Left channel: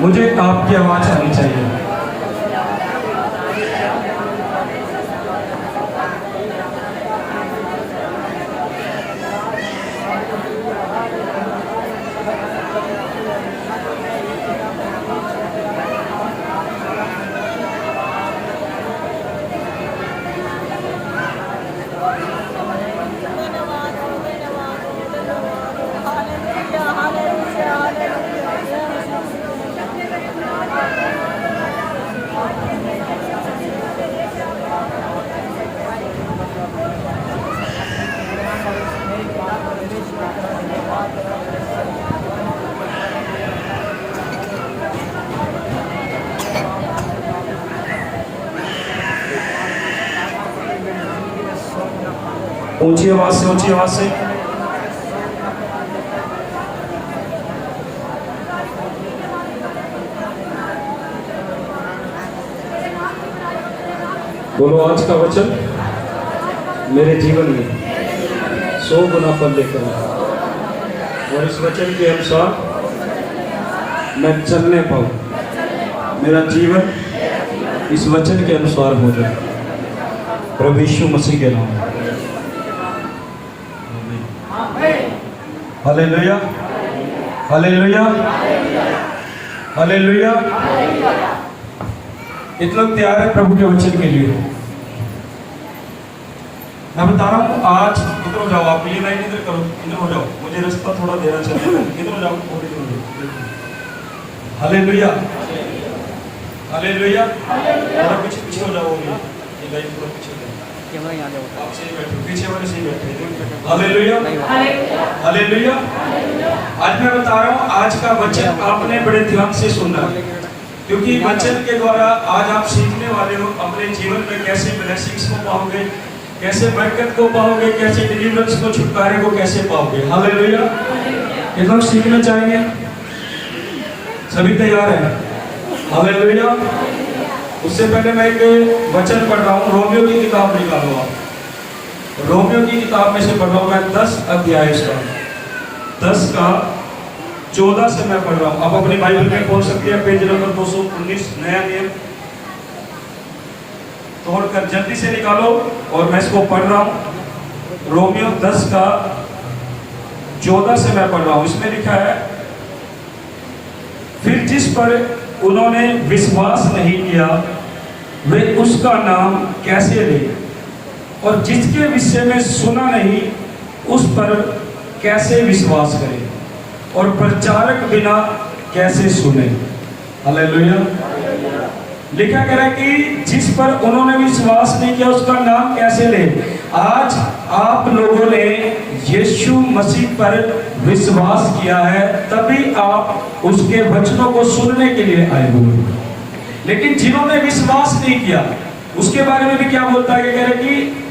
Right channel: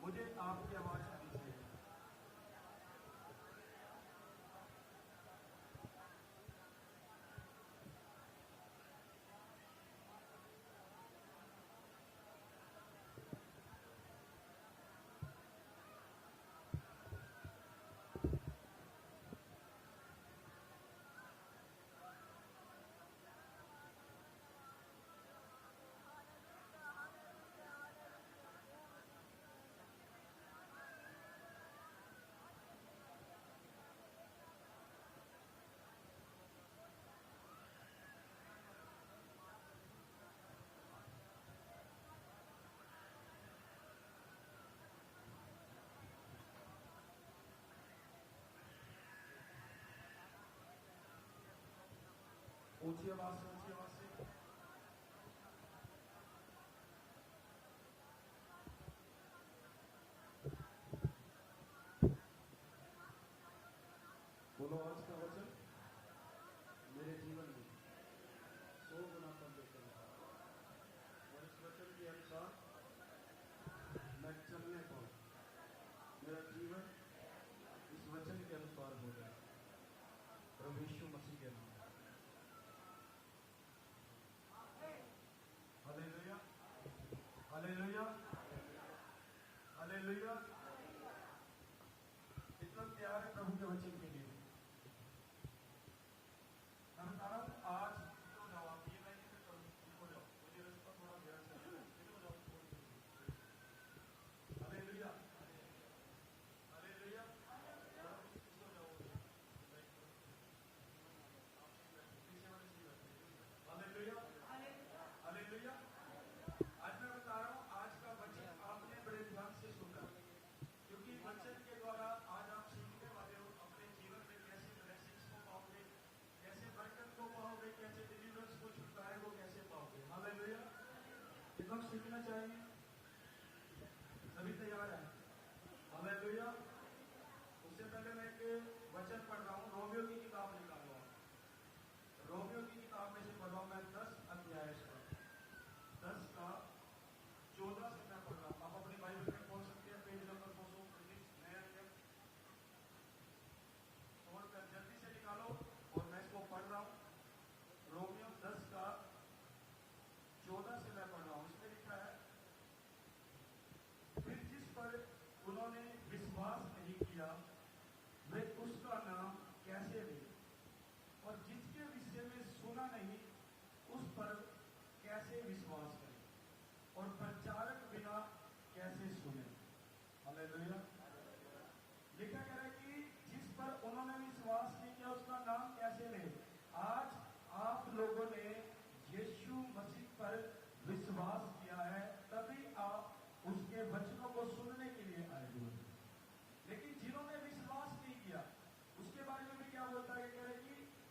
मुझे आपकी आवाज आनी चाहिए। ऊंची आवाज से, ऊंची आवाज से। बोलो, आज का वचन मेरे जीवन में 100 गुना फल लेकर आया और इस वचन के अनुसार मैं चलने पाऊं, मेरा जीवन इस वचन के अनुसार हो जाए, प्रभु यीशु मसीह के नाम। Hallelujah, hallelujah, hallelujah. इतने लोग तैयार है प्रभु के वचन के लिए? मैं बता रहा हूँ, आज इधर हो जाओ, आप ये लाइन इधर करो, इधर हो जाओ, मुझे रास्ता थोड़ा देना चाहिए, इधर हो जाओ, हालेलुया, हालेलुया। थोड़ा पीछे पीछे हो जाओ, ये लाइन थोड़ा पीछे हो जाओ, आप सही बैठो, पीछे वाले सही बैठे। Hallelujah, hallelujah. आज मैं बता रहा हूँ, आज का वचन आपने बड़े ध्यान से सुनना, क्योंकि वचन के द्वारा आज आप सीखने वाले हो अपने जीवन में कैसे ब्लेसिंग्स को पाओगे, कैसे बरकत को पाओगे, कैसे डिलीवरेंस को, छुटकारे को कैसे पाओगे। हालेलुया। ये लोग सीखना चाहेंगे? सभी तैयार हैं? हालेलुया। उससे पहले मैं एक वचन पढ़ रहा हूँ, रोमियो की किताब निकालो आप। रोमियो की किताब में से पढ़ रहा हूँ मैं 10 अध्याय का, 10 का 14 से मैं पढ़ रहा हूँ। आप अपनी बाइबल में खोल सकते हैं, पेज नंबर 219, नया नियम। तोड़कर जल्दी से निकालो और मैं इसको पढ़ रहा हूँ। रोमियो 10 का 14 से मैं पढ़ रहा हूँ। इसमें लिखा है, फिर जिस पर उन्होंने विश्वास नहीं किया वे उसका नाम कैसे ले, और जिसके विषय में सुना नहीं उस पर कैसे विश्वास करें, और प्रचारक बिना कैसे सुने। हालेलुया। लिखा गया है कि जिस पर उन्होंने विश्वास नहीं किया उसका नाम कैसे ले। आज आप लोगों ने यीशु मसीह पर विश्वास किया है, तभी आप उसके वचनों को सुनने के लिए आए हुए। लेकिन जिन्होंने विश्वास नहीं किया उसके बारे में भी क्या बोलता है, कह रहे कि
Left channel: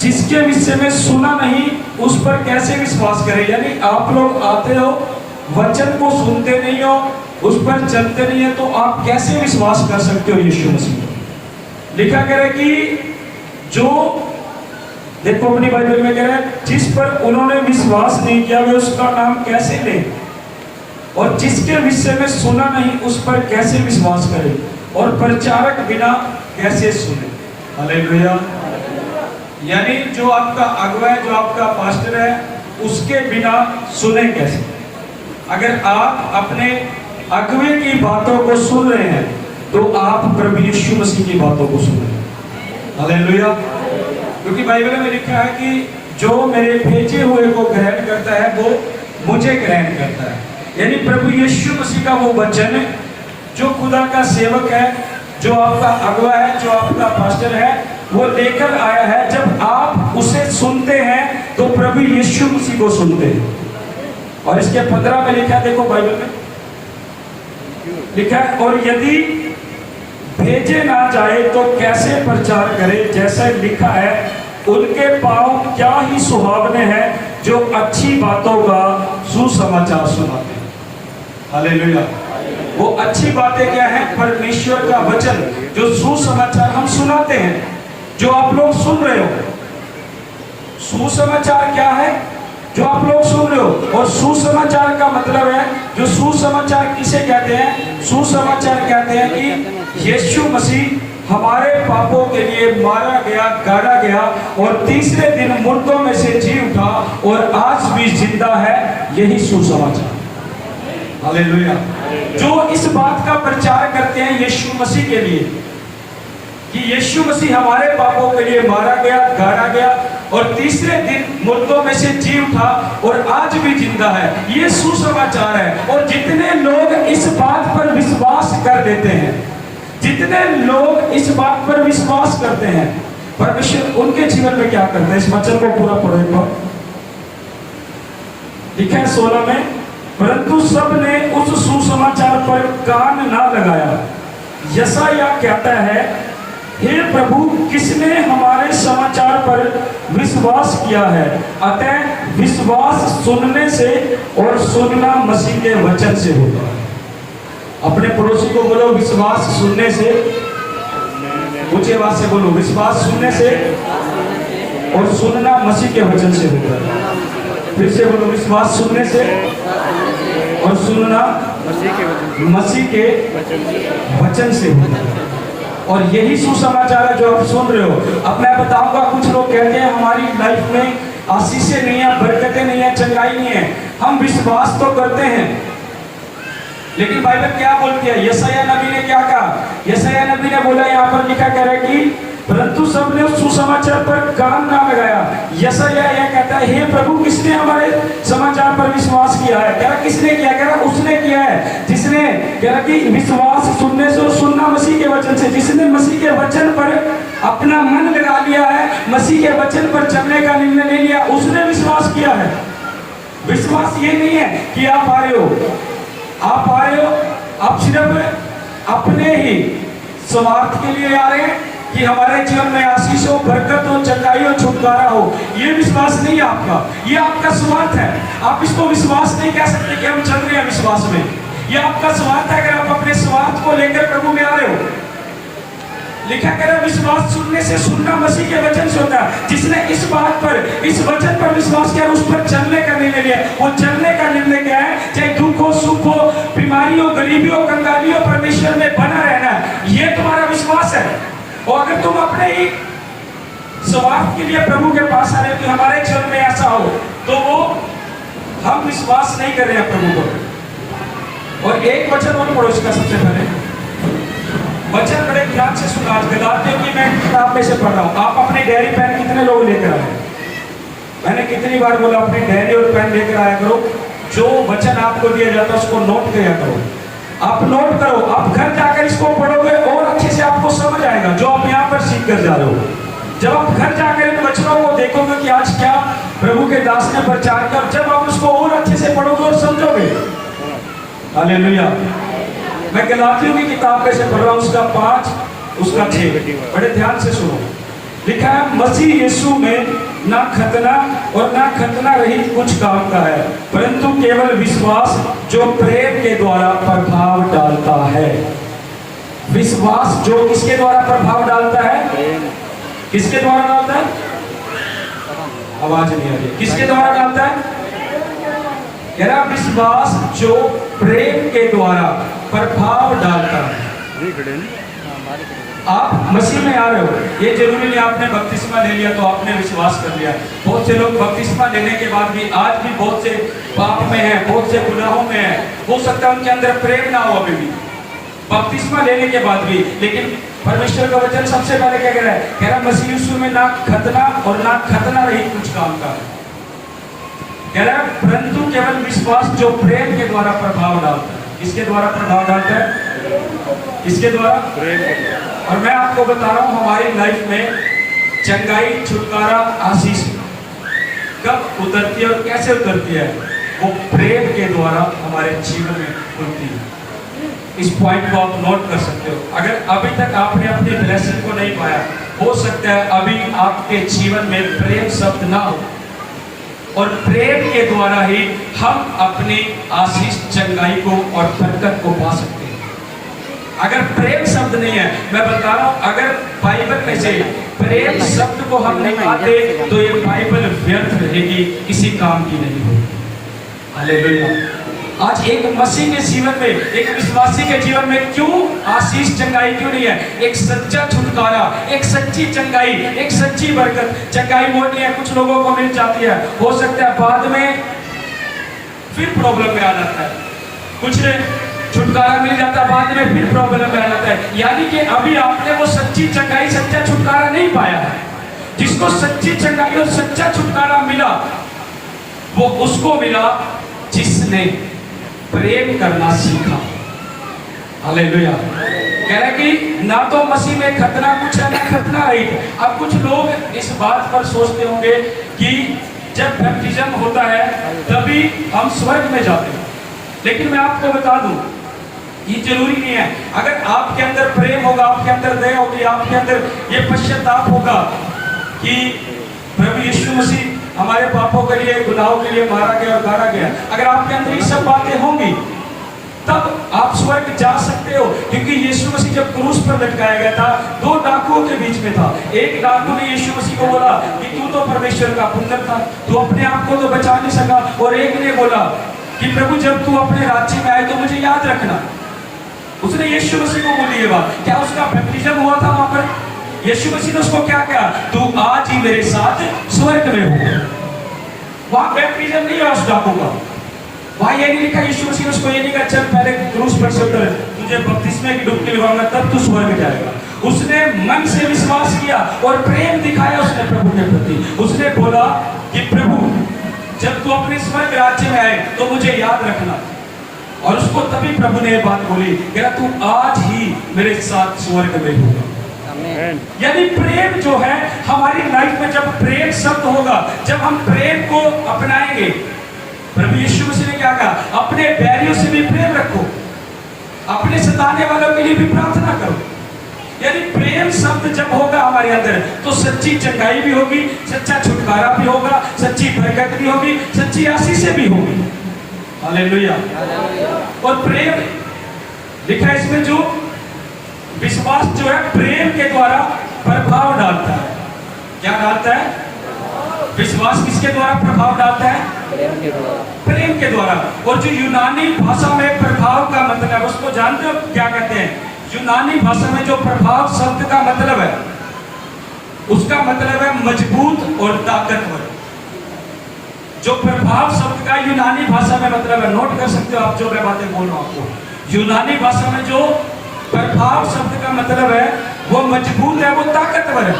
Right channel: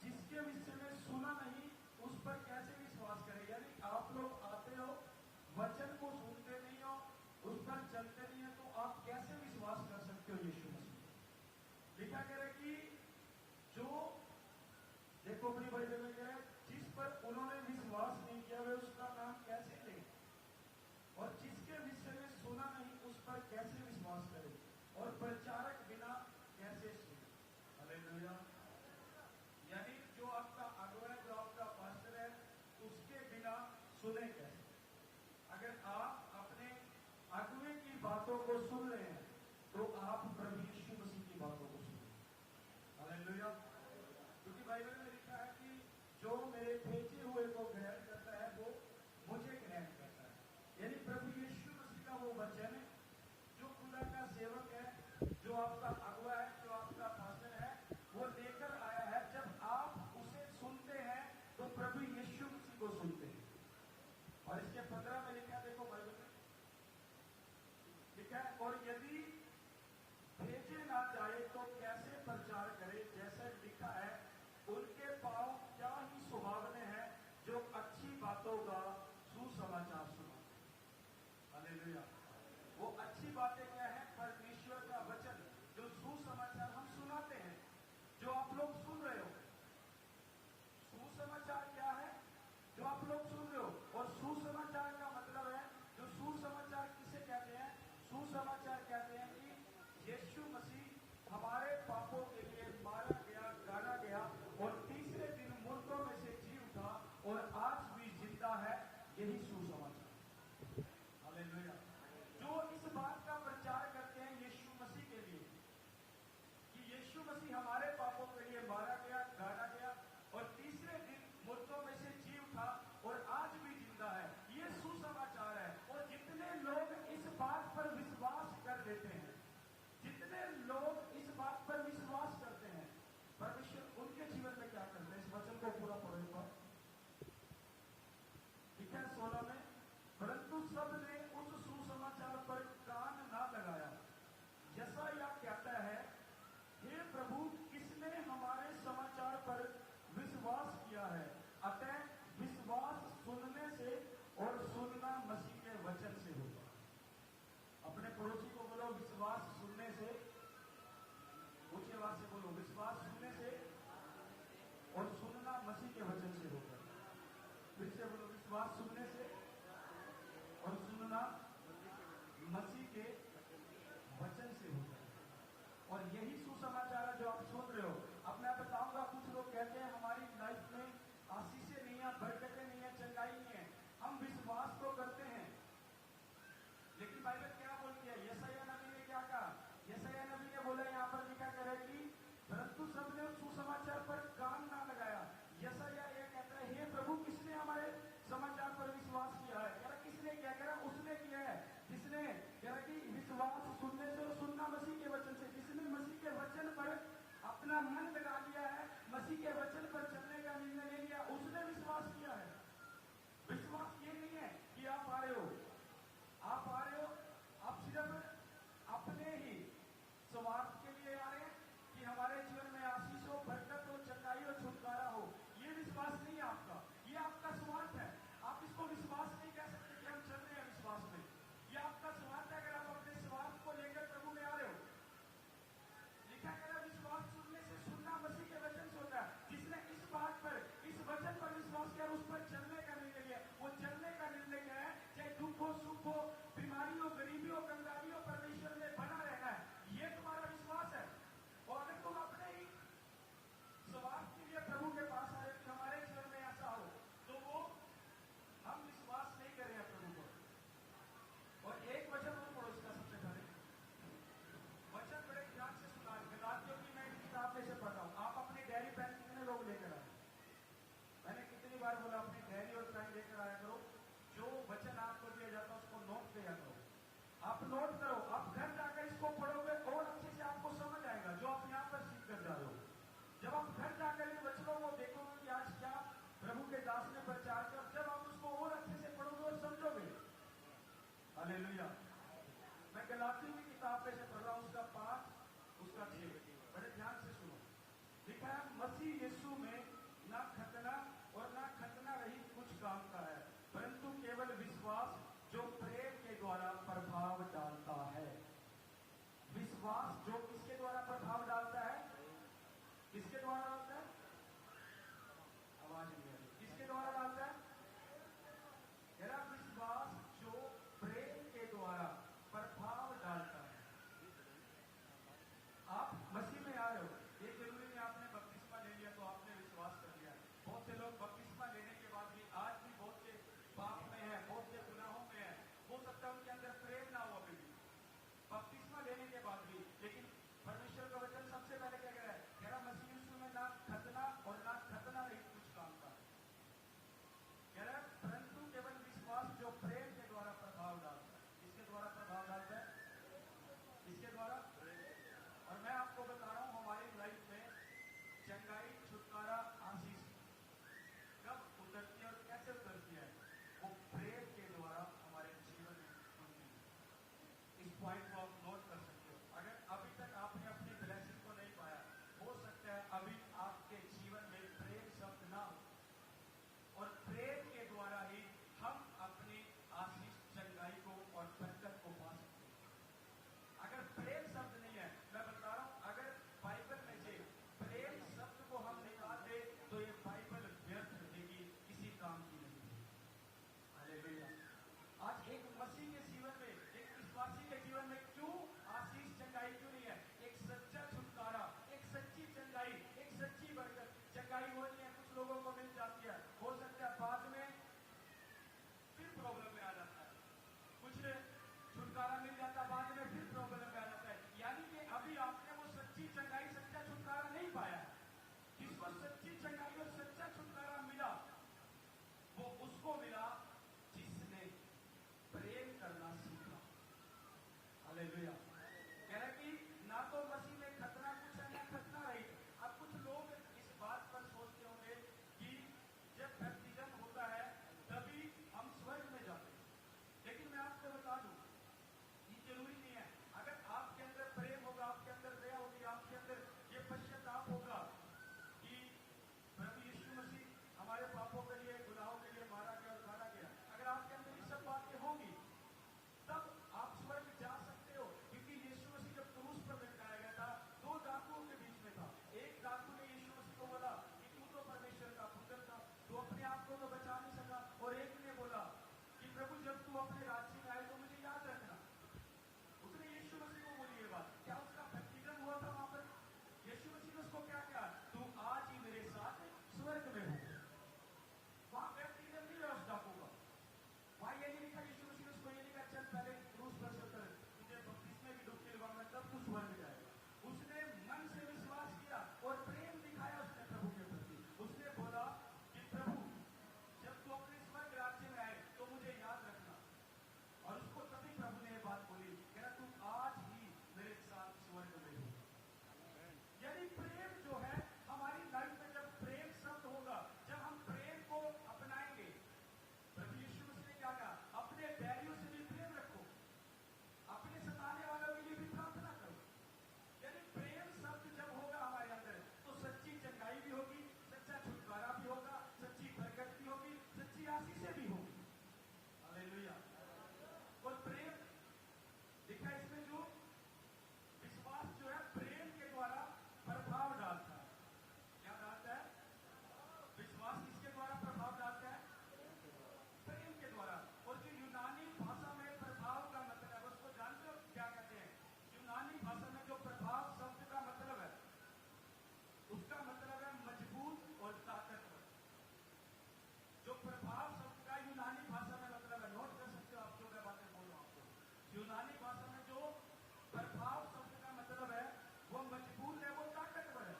जिसके विषय में सुना नहीं उस पर कैसे विश्वास करें। यानी आप लोग आते हो, वचन को सुनते नहीं हो, उस पर चलते नहीं है, तो आप कैसे विश्वास कर सकते हो यीशु मसीह। लिखा गया है कि जो, देखो अपनी बाइबल में कह रहा है, जिस पर उन्होंने विश्वास नहीं किया वे उसका नाम कैसे ले, और जिसके विषय में सुना नहीं उस पर कैसे विश्वास करें, और प्रचारक बिना कैसे सुने। हालेलुया। यानी जो आपका अगुवा है, जो आपका पास्टर है, उसके बिना सुने कैसे। अगर आप अपने अगुवे की बातों को सुन रहे हैं तो आप प्रभु यीशु मसीह की बातों को सुन रहे हैं। हालेलुया। क्योंकि बाइबल में लिखा है कि जो मेरे भेजे हुए को ग्रहण करता है वो मुझे ग्रहण करता है। यानी प्रभु यीशु मसीह का वो वचन जो खुदा का सेवक है, जो आपका अगुवा है, जो आपका पास्टर है, वो लेकर आया है। जब आप उसे सुनते हैं तो प्रभु यीशु मसीह को सुनते हैं। और इसके 15 में लिखा है, देखो बाइबल में लिखा है, और यदि भेजे ना जाए तो कैसे प्रचार करे। जैसे लिखा है, उनके पांव क्या ही सुहावने हैं जो अच्छी बातों का सुसमाचार सुनाते हैं। हालेलुया। वो अच्छी बातें क्या है? परमेश्वर का वचन, जो सुसमाचार हम सुनाते हैं, जो आप लोग सुन रहे हो। सुसमाचार क्या है? जो आप लोग सुन रहे हो। और सुसमाचार का मतलब है, जो सुसमाचार किसे कहते हैं? सुसमाचार कहते हैं कि यीशु मसीह हमारे पापों के लिए मारा गया, गाड़ा गया और तीसरे दिन मुर्दों में से जी उठा और आज भी जिंदा है। यही सुसमाचार। हालेलुया। जो इस बात का प्रचार करते हैं यीशु मसीह के लिए कि यीशु मसीह हमारे पापों के लिए मारा गया, गाड़ा गया और तीसरे दिन मुर्दों में से जी उठा और आज भी जिंदा है, ये सुसमाचार है। और जितने लोग इस बात पर विश्वास कर देते हैं, जितने लोग इस बात पर विश्वास करते हैं, परमेश्वर उनके जीवन में क्या करते हैं? इस वचन को पूरा पढ़ो एक बार। लिखा है 16 में, परंतु सब ने उस सुसमाचार पर कान ना लगाया। यशायाह कहता है, हे प्रभु, किसने हमारे समाचार पर विश्वास किया है? अतः विश्वास सुनने से और सुनना मसीह के वचन से होता है। अपने पड़ोसी को बोलो, विश्वास सुनने से, ऊंची आवाज से बोलो, विश्वास सुनने से और सुनना मसीह के वचन से होता है। फिर से बोलो, विश्वास सुनने से और सुनना मसीह के वचन से होता है। और यही सुसमाचार है जो आप सुन रहे हो। अब मैं बताऊंगा, कुछ लोग कहते हैं हमारी लाइफ में आशीषें नहीं है, बरकतें नहीं है, चंगाई नहीं है। हम विश्वास तो करते हैं, लेकिन बाइबल क्या बोलती है? यशायाह नबी ने क्या कहा? यशायाह नबी ने बोला, यहाँ पर लिखा कह रहा है कि परंतु सबने उस सुसमाचार पर कान ना लगाया। यशायाह यह कहता है, हे प्रभु, किसने हमारे समाचार पर विश्वास किया है? कह रहा किसने किया? कह रहा उसने किया है जिसने, कह रहा कि विश्वास सुनने से और सुनना मसीह के वचन से। जिसने मसीह के वचन पर अपना मन लगा लिया है, मसीह के वचन पर चलने का निर्णय ले लिया, उसने विश्वास किया है। विश्वास ये नहीं है कि आप आ रहे हो, आप सिर्फ अपने ही स्वार्थ के लिए आ रहे हैं कि हमारे जीवन में आशीष हो, बरकत हो, चंगाई हो, छुटकारा हो। ये विश्वास नहीं है आपका, ये आपका स्वार्थ है। आप इसको विश्वास नहीं कह सकते कि हम चल रहे हैं विश्वास में। ये आपका स्वार्थ है अगर आप अपने स्वार्थ को लेकर प्रभु में आ रहे हो। लिखा कह रहा, विश्वास सुनने से, सुनना मसीह के वचन से होता है। जिसने इस बात पर, इस वचन पर विश्वास किया, उस पर चलने का निर्णय लिया। वो चलने का निर्णय क्या है? चाहे दुख हो, सुख हो, बीमारी हो, गरीबी हो, कंगाली हो, परमेश्वर में बना रहना, ये तुम्हारा विश्वास है। और अगर तुम अपने ही स्वार्थ के लिए प्रभु के पास आ रहे हो कि हमारे जीवन में ऐसा हो, तो वो हम विश्वास नहीं कर रहे हैं प्रभु को। और एक वचन और पढ़ो इसका सबसे पहले, वचन बड़े ध्यान से सुना। गलातियों की मैं किताब में से पढ़ रहा हूँ। आप अपने डायरी पेन कितने लोग लेकर आए? मैंने कितनी बार बोला, अपनी डायरी और पेन लेकर आया करो। जो वचन आपको दिया जाता है उसको नोट किया करो। आप नोट करो, आप घर जाकर इसको पढ़ोगे और अच्छे से आपको समझ आएगा जो आप यहाँ पर सीख कर जा रहे हो। जब आप घर जाकर इन वचनों को देखोगे कि आज क्या प्रभु के दास ने प्रचार किया, जब आप उसको और अच्छे से पढ़ोगे और समझोगे। हालेलुया। मैं गलातियों की किताब में से पढ़ रहा हूँ, उसका 5, उसका 6। बड़े ध्यान से सुनो। लिखा है, मसीह यीशु में ना खतना और ना खतना रहित कुछ काम का है, परंतु केवल विश्वास जो प्रेम के द्वारा प्रभाव डालता है। विश्वास जो किसके द्वारा प्रभाव डालता है? किसके द्वारा डालता है? आवाज नहीं आ रही। किसके द्वारा डालता है? कह रहा विश्वास जो प्रेम के द्वारा प्रभाव डालता है। आप मसीह में आ रहे हो, ये जरूरी नहीं आपने बपतिस्मा ले लिया तो आपने विश्वास कर लिया। बहुत से लोग बपतिस्मा लेने के बाद भी आज भी बहुत से पाप में हैं, बहुत से गुनाहों में हैं। हो सकता है उनके अंदर प्रेम ना हो अभी भी, बपतिस्मा लेने के बाद भी। लेकिन परमेश्वर का वचन सबसे पहले क्या कह रहा है? कह रहा मसीह यीशु में ना खतना और ना खतना रहित कुछ काम का है। कह रहा है परंतु केवल विश्वास जो प्रेम के द्वारा प्रभाव डालता है। किसके द्वारा प्रभाव डालता है? किसके द्वारा? प्रेम के द्वारा। और मैं आपको बता रहा हूं, हमारी लाइफ में चंगाई, छुटकारा, आशीष कब उतरती है और कैसे उतरती है? वो प्रेम के द्वारा हमारे जीवन में खुलती है। इस पॉइंट को आप नोट कर सकते हो। अगर अभी तक आपने अपनी ब्लेसिंग को नहीं पाया, हो सकता है अभी आपके जीवन में प्रेम शब्द ना हो, और प्रेम के द्वारा ही हम अपनी आशीष, चंगाई को और बरकत को पा सकते हैं। अगर प्रेम शब्द नहीं है मैं बता रहा हूँ, अगर बाइबल में से प्रेम शब्द को हम निकालते तो ये बाइबल व्यर्थ रहेगी, किसी काम की नहीं होगी। हालेलुया। आज एक मसीह के जीवन में, एक विश्वासी के जीवन में क्यों आशीष चंगाई क्यों नहीं है? एक सच्चा छुटकारा, एक सच्ची चंगाई, एक सच्ची बरकत। चंगाई वो नहीं है, कुछ लोगों को मिल जाती है, हो सकता है बाद में फिर प्रॉब्लम में आ जाता है। कुछ ने छुटकारा मिल जाता है, बाद में फिर प्रॉब्लम में आ जाता है। यानी कि अभी आपने वो सच्ची चंगाई, सच्चा छुटकारा नहीं पाया है। जिसको सच्ची चंगाई और सच्चा छुटकारा मिला, वो उसको मिला जिसने प्रेम करना सीखा। हालेलुया। कह रहे कि ना तो मसीह में खतना कुछ है, ना खतना रहित। अब कुछ लोग इस बात पर सोचते होंगे कि जब बैप्टिज्म होता है तभी हम स्वर्ग में जाते हैं, लेकिन मैं आपको बता दूं ये जरूरी नहीं है। अगर आपके अंदर प्रेम होगा, आपके अंदर दया होगी, आपके अंदर ये पश्चाताप होगा कि प्रभु यीशु मसीह हमारे पापों के लिए, गुनाहों के लिए मारा गया और गाड़ा गया, अगर आपके अंदर ये सब बातें होंगी तब आप स्वर्ग जा सकते हो। क्योंकि यीशु मसीह जब क्रूस पर लटकाया गया था, दो डाकुओं के बीच में था। एक डाकू ने यीशु मसीह को बोला कि तू तो परमेश्वर का पुत्र था, तू अपने आप को तो बचा नहीं सका। और एक ने बोला कि प्रभु जब तू अपने राज्य में आए तो मुझे याद रखना। उसने यीशु मसीह को बोली ये बात। क्या उसका बैप्टिज्म हुआ था वहां पर? यीशु मसीह ने उसको क्या कहा? तू आज ही मेरे साथ स्वर्ग में हो। वहां बैप्टिज्म नहीं है उस डाकू का। वहां ये नहीं लिखा, यीशु मसीह ने उसको ये नहीं कहा चल पहले क्रूस पर से उतर, तुझे बपतिस्मे की डुबकी लगाऊंगा तब तू स्वर्ग जाएगा। उसने मन से विश्वास किया और प्रेम दिखाया उसने प्रभु के प्रति। उसने बोला कि प्रभु जब तू अपने स्वर्ग राज्य में आए तो मुझे याद रखना। और उसको तभी प्रभु ने ये बात बोली, कह रहा तू आज ही मेरे साथ स्वर्ग में होगा। यानी प्रेम जो है हमारी लाइफ में, जब प्रेम शब्द होगा, जब हम प्रेम को अपनाएंगे। प्रभु यीशु मसीह ने क्या कहा? अपने बैरियों से भी प्रेम रखो, अपने सताने वालों के लिए भी प्रार्थना करो। यानी प्रेम शब्द जब होगा हमारे अंदर तो सच्ची चंगाई भी होगी, सच्चा छुटकारा भी होगा, सच्ची बरकत भी होगी, सच्ची आशीषें भी होगी। हालेलुया। और प्रेम लिखा है इसमें, जो विश्वास जो है प्रेम के द्वारा प्रभाव डालता है। क्या डालता है? विश्वास किसके द्वारा प्रभाव डालता है? प्रेम के द्वारा। और जो यूनानी भाषा में प्रभाव का मतलब, उसको जानते हो क्या कहते हैं? यूनानी भाषा में जो प्रभाव शब्द का मतलब है, उसका मतलब है मजबूत और ताकतवर। जो प्रभाव शब्द का यूनानी भाषा में मतलब है, नोट कर सकते हो आप जो मैं बातें बोल रहा हूं आपको। यूनानी भाषा में जो प्रभाव शब्द का मतलब है वो मजबूत है, वो ताकतवर है।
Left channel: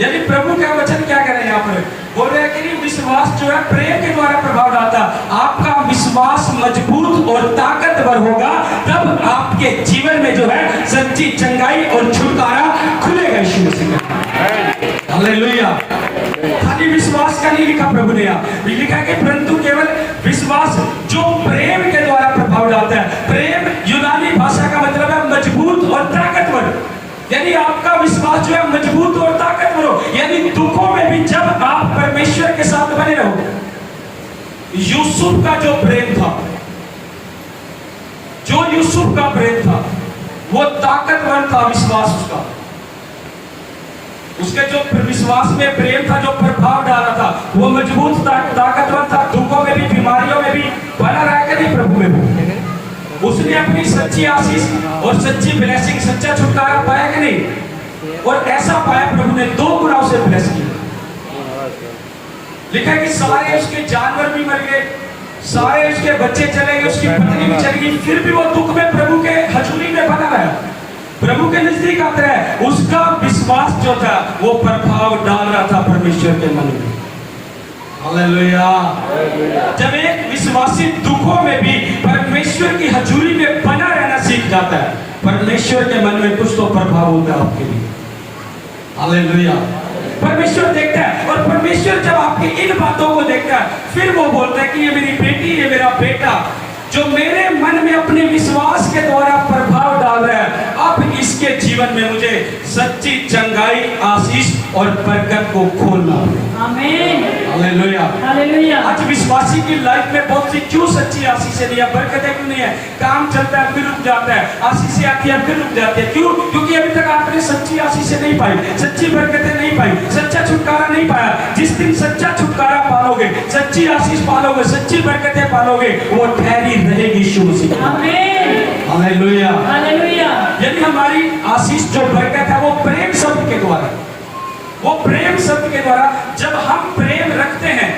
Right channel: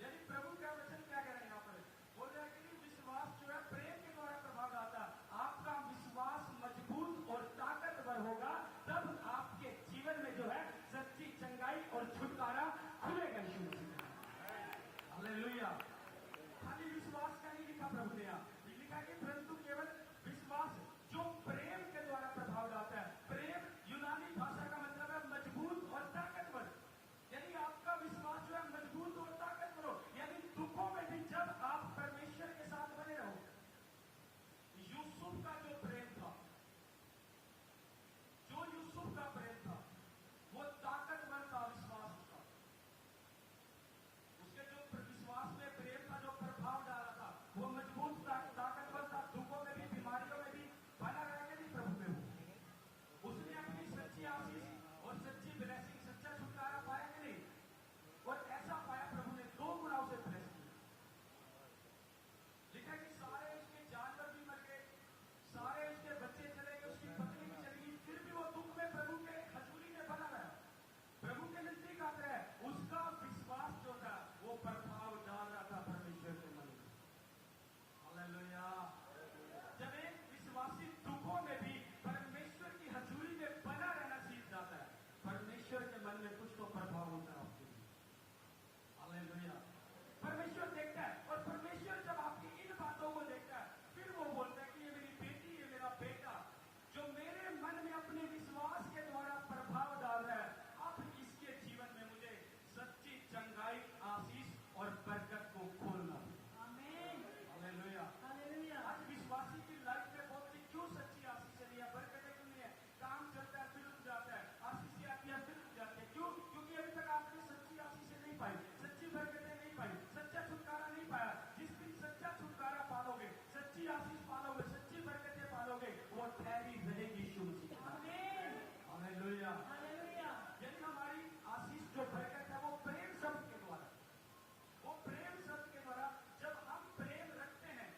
यानी प्रभु का वचन क्या कह रहे हैं यहाँ पर? बोल रहे हैं कि विश्वास जो है प्रेम के द्वारा प्रभाव डालता। आपका विश्वास मजबूत और ताकतवर होगा तब आपके जीवन में जो है सच्ची चंगाई और छुटकारा खुलेगा यीशु मसीह का। हालेलुया। खाली विश्वास का नहीं लिखा प्रभु ने, यहाँ लिखा है कि परंतु केवल विश्वास जो प्रेम के द्वारा प्रभाव डालता है। प्रेम यूनानी भाषा का मतलब है मजबूत और ताकतवर। यानी आपका विश्वास जो है मजबूत और ताकतवर हो। यानी दुखों में भी जब आप परमेश्वर के साथ बने रहो। यूसुफ का जो प्रेम था, जो यूसुफ का प्रेम था वो ताकतवर था। विश्वास उसका, उसके जो विश्वास में प्रेम था, जो प्रभाव डाला था, वो मजबूत ताकतवर था। दुखों में भी, बीमारियों में भी बना रहेगा नहीं प्रभु में। उसने अपनी सच्ची आशीष और सच्ची ब्लेसिंग, सच्चा छुटकारा पाया कि नहीं? और ऐसा पाया प्रभु ने 2 गुना उसे ब्लेस किया। लिखा है कि सारे उसके जानवर भी मर गए, सारे उसके बच्चे चले गए, उसकी पत्नी भी चली गई, फिर भी वो दुख में प्रभु के हजूरी में बना रहा, प्रभु के नजदीक आता है। उसका विश्वास जो था वो प्रभाव डाल रहा था परमेश्वर के मन में। हालेलुया। जब एक विश्वासी दुखों में भी परमेश्वर की हजूरी में बना रहना सीख जाता है, परमेश्वर के मन में कुछ तो प्रभाव होता है आपके लिए। हालेलुया। परमेश्वर देखता है, और परमेश्वर जब आपकी इन बातों को देखता है फिर वो बोलता है कि ये मेरी बेटी, ये मेरा बेटा जो मेरे मन में अपने विश्वास के द्वारा प्रभाव डाल रहा है, अब इसके जीवन में मुझे सच्ची चंगाई, आशीष और बरकत को खोलना। आमीन। हालेलुया। हालेलुया। आज विश्वासी की लाइफ में बहुत सी क्यों सच्ची आशीष नहीं है, बरकतें क्यों नहीं है? काम चलता है फिर रुक जाता है, आशीष आती है फिर रुक जाती है। क्यों? क्योंकि अभी तक आपने सच्ची आशीष नहीं पाई, सच्ची बरकतें नहीं पाई, सच्चा छुटकारा नहीं पाया। जिस दिन सच्चा छुटकारा पालोगे, सच्ची आशीष पालोगे, सच्ची बरकतें पालोगे, वो ठहरी रहेगी यीशु मसीह। आमीन। हालेलुया। हालेलुया। यदि हमारी आशीष जो बरकत है वो प्रेम शब्द के द्वारा, वो प्रेम शब्द के द्वारा जब हम प्रेम रखते हैं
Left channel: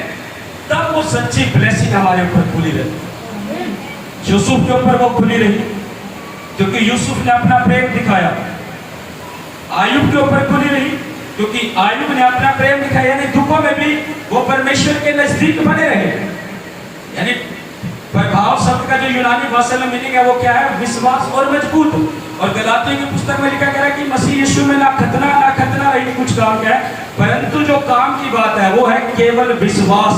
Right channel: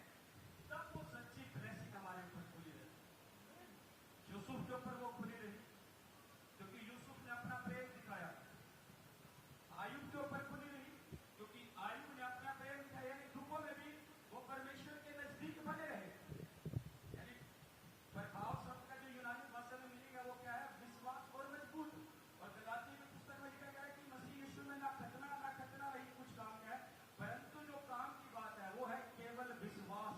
तब वो सच्ची ब्लेसिंग हमारे ऊपर खुली रहती। यूसुफ के ऊपर वो खुली रही क्योंकि यूसुफ ने अपना प्रेम दिखाया। आयुब के ऊपर खुली रही क्योंकि आयुब ने अपना प्रेम दिखाया, यानी दुखों में भी वो परमेश्वर के नजदीक बने रहे। यानी प्रभाव शब्द का जो यूनानी भाषा में मीनिंग है वो क्या है? विश्वास और मजबूत। और गलातियों की पुस्तक में लिखा गया है कि मसीह यीशु में ना खतना रही कुछ काम का है, परंतु जो काम की बात है वो है केवल विश्वास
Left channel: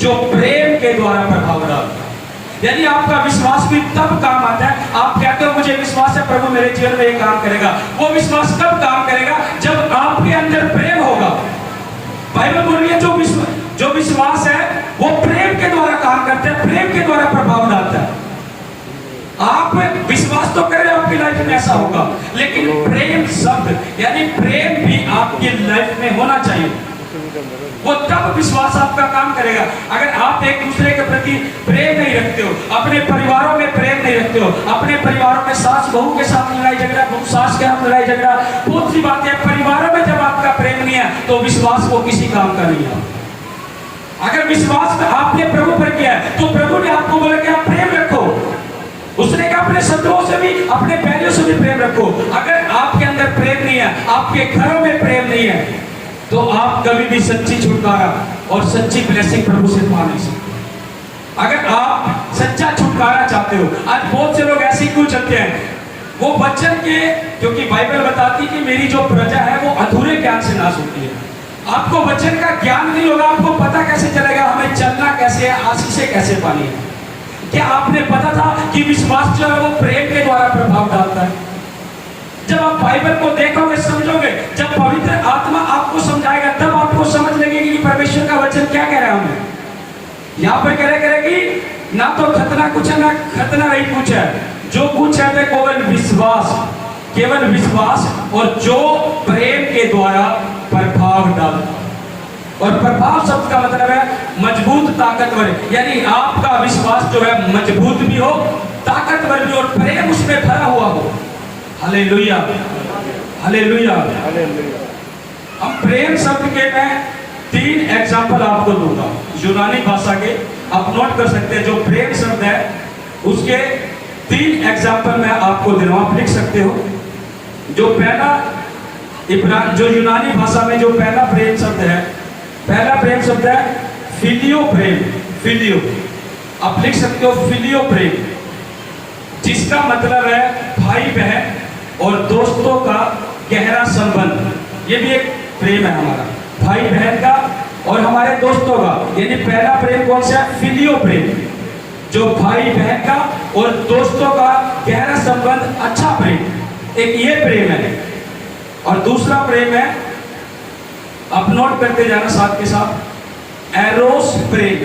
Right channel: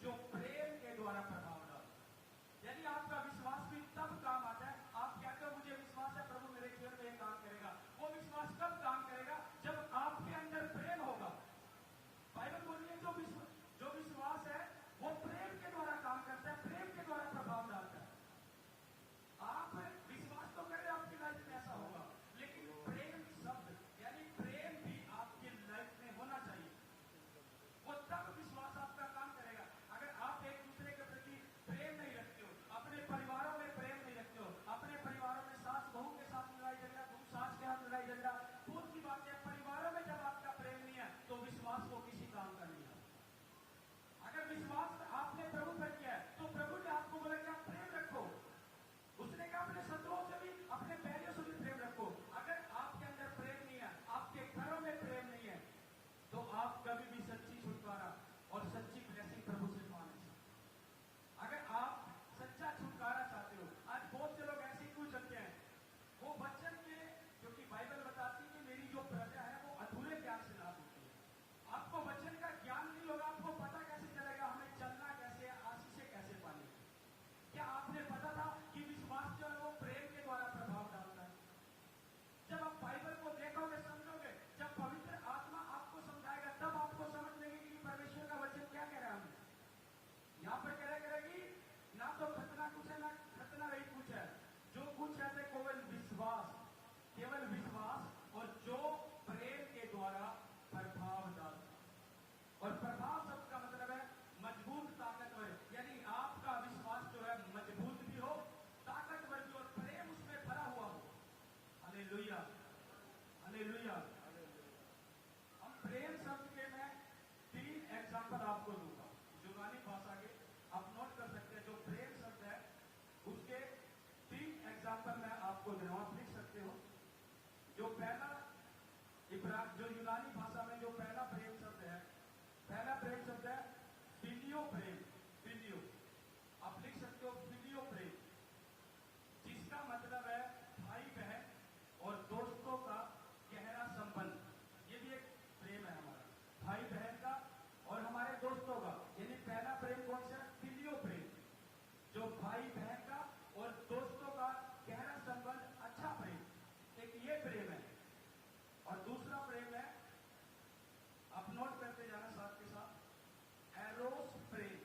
जो प्रेम के द्वारा प्रभाव डालता है। यानी आपका विश्वास भी तब काम आता है, आप कहते हो मुझे विश्वास है प्रभु मेरे जीवन में ये काम करेगा। वो विश्वास कब काम करेगा? जब आपके अंदर प्रेम होगा। बाइबल बोल रही है जो विश्वास है वो प्रेम के द्वारा काम करता है, प्रेम के द्वारा प्रभाव डालता है। आप विश्वास तो करें आपकी लाइफ में ऐसा होगा, लेकिन प्रेम शब्द यानी प्रेम भी आपकी लाइफ में होना चाहिए। वो तब विश्वास आपका काम करेगा। अगर आप एक दूसरे के प्रति प्रेम नहीं रखते हो, अपने परिवारों में प्रेम नहीं रखते हो, अपने परिवारों में सास बहू के साथ लड़ाई झगड़ा, बहू सास के साथ लड़ाई झगड़ा, बहुत सी बातें परिवारों में जब आपका प्रेम नहीं है तो विश्वास वो किसी काम का नहीं है। अगर विश्वास आपने प्रभु पर किया है तो प्रभु ने आपको बोला कि आप प्रेम रखो। उसने कहा अपने शत्रुओं से भी, अपने बैरियों से भी प्रेम रखो। अगर आपके अंदर प्रेम नहीं है, आपके घरों में प्रेम नहीं है, तो आप कभी भी सच्ची छुटकारा और सच्ची ब्लेसिंग प्रभु से पा नहीं सकते। अगर आप सच्चा छुटकारा चाहते हो, आज बहुत से लोग ऐसे क्यों चलते हैं? वो वचन के, क्योंकि बाइबल बताती कि मेरी जो प्रजा है वो अधूरे ज्ञान से नाश होती है। आपको वचन का ज्ञान नहीं होगा, आपको पता कैसे चलेगा हमें चलना कैसे है, आशीषें कैसे पानी है? क्या आपने पता था कि विश्वास जो है वो प्रेम के द्वारा प्रभाव डालता है? जब आप बाइबल को देखोगे, समझोगे, जब पवित्र आत्मा आपको समझाएगा तब आपको समझ लगेगी कि परमेश्वर का वचन क्या कह रहा है हमें। यहाँ पर करेगी ना तो खतना कुछ है ना खतना नहीं कुछ है, जो कुछ है वो केवल विश्वास और जो प्रेम के द्वारा प्रभाव डालता। और प्रभाव शब्द का मतलब है मजबूत, ताकतवर। यानी आपका विश्वास जो है मजबूत भी हो, ताकतवर भी, और प्रेम उसमें भरा हुआ हो। Hallelujah, hallelujah. हम प्रेम शब्द के मैं 3 एग्जाम्पल आपको दूंगा यूनानी भाषा के, आप नोट कर सकते हैं। जो प्रेम शब्द है उसके 3 एग्जाम्पल मैं आपको दे रहा हूं, आप लिख सकते हो। जो पहला जो यूनानी भाषा में जो पहला प्रेम शब्द है फिलियो प्रेम। फिलियो आप लिख सकते हो, फिलियो प्रेम, जिसका मतलब है भाई बहन और दोस्तों का गहरा संबंध। ये भी एक प्रेम है हमारा, भाई बहन का और हमारे दोस्तों का। यानी पहला प्रेम कौन सा है? फिलियो प्रेम, जो भाई बहन का और दोस्तों का गहरा संबंध, अच्छा प्रेम, एक ये प्रेम है। और दूसरा प्रेम है, आप नोट करते जाना साथ के साथ, एरोस प्रेम।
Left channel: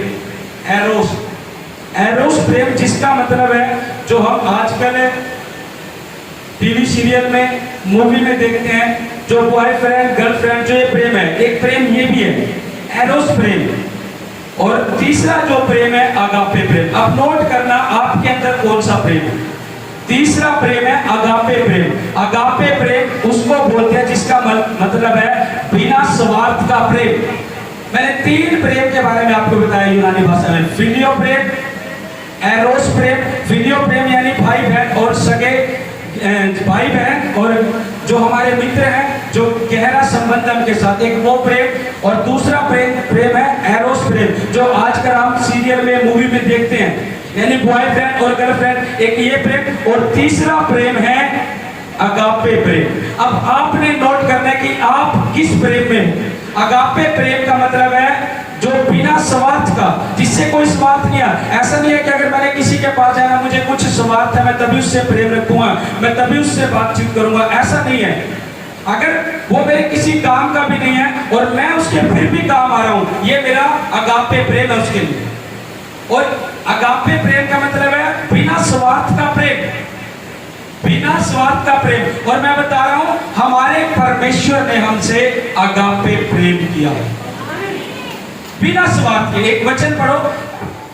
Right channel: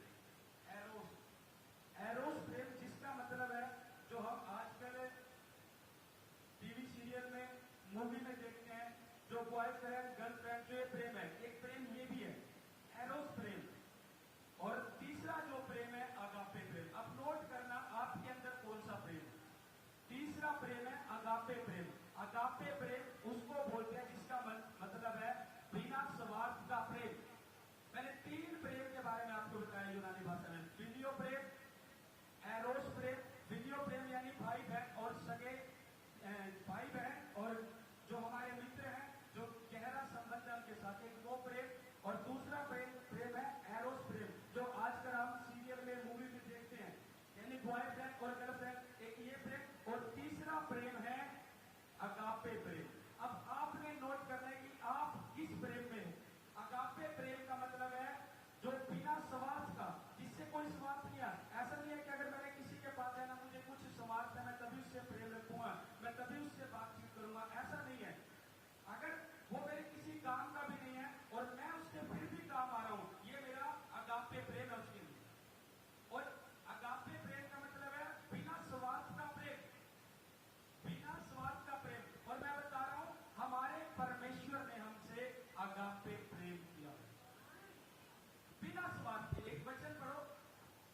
एरोस प्रेम, जिसका मतलब है जो हम आजकल टीवी सीरियल में, मूवी में देखते हैं, जो बॉयफ्रेंड गर्लफ्रेंड, जो ये प्रेम है, एक प्रेम ये भी है, एरोस प्रेम। और तीसरा जो प्रेम है अगापे प्रेम। अब नोट करना आपके अंदर कौन सा प्रेम है। तीसरा प्रेम है अगापे प्रेम। अगापे प्रेम उसको बोलते हैं जिसका मतलब है बिना स्वार्थ का प्रेम। मैंने 3 प्रेम के बारे में आपको बताया यूनानी भाषा में, फिलियो प्रेम, एरोस प्रेम। फिलियो प्रेम यानी भाई बहन और सगे भाई बहन और जो हमारे मित्र हैं, जो गहरा संबंध उनके साथ, एक वो प्रेम। और दूसरा प्रेम है एरोस प्रेम, जो आजकल हम सीरियल में, मूवी में देखते हैं, यानी बॉयफ्रेंड और गर्लफ्रेंड, एक ये प्रेम। और तीसरा प्रेम है अगापे प्रेम। अब आपने नोट करना है कि आप किस प्रेम में हो। अगापे प्रेम का मतलब है जो बिना स्वार्थ का, जिससे कोई स्वार्थ नहीं है। ऐसा नहीं है कि अगर मैंने किसी के पास जाना, मुझे कुछ स्वार्थ है, मैं तभी उससे प्रेम रखूंगा, मैं तभी उससे बातचीत करूंगा, ऐसा नहीं है। अगर वो मेरे किसी काम का भी नहीं है और मैं उसके फिर भी काम आ रहा हूं, ये मेरा अगापे प्रेम है उसके लिए। और अगापे प्रेम का मतलब है बिना स्वार्थ का प्रेम, बिना स्वार्थ का प्रेम। और मैं बता रहा हूं, हमारे परमेश्वर ने हमसे अगापे प्रेम किया बिना स्वार्थ के। एक वचन पढ़ो,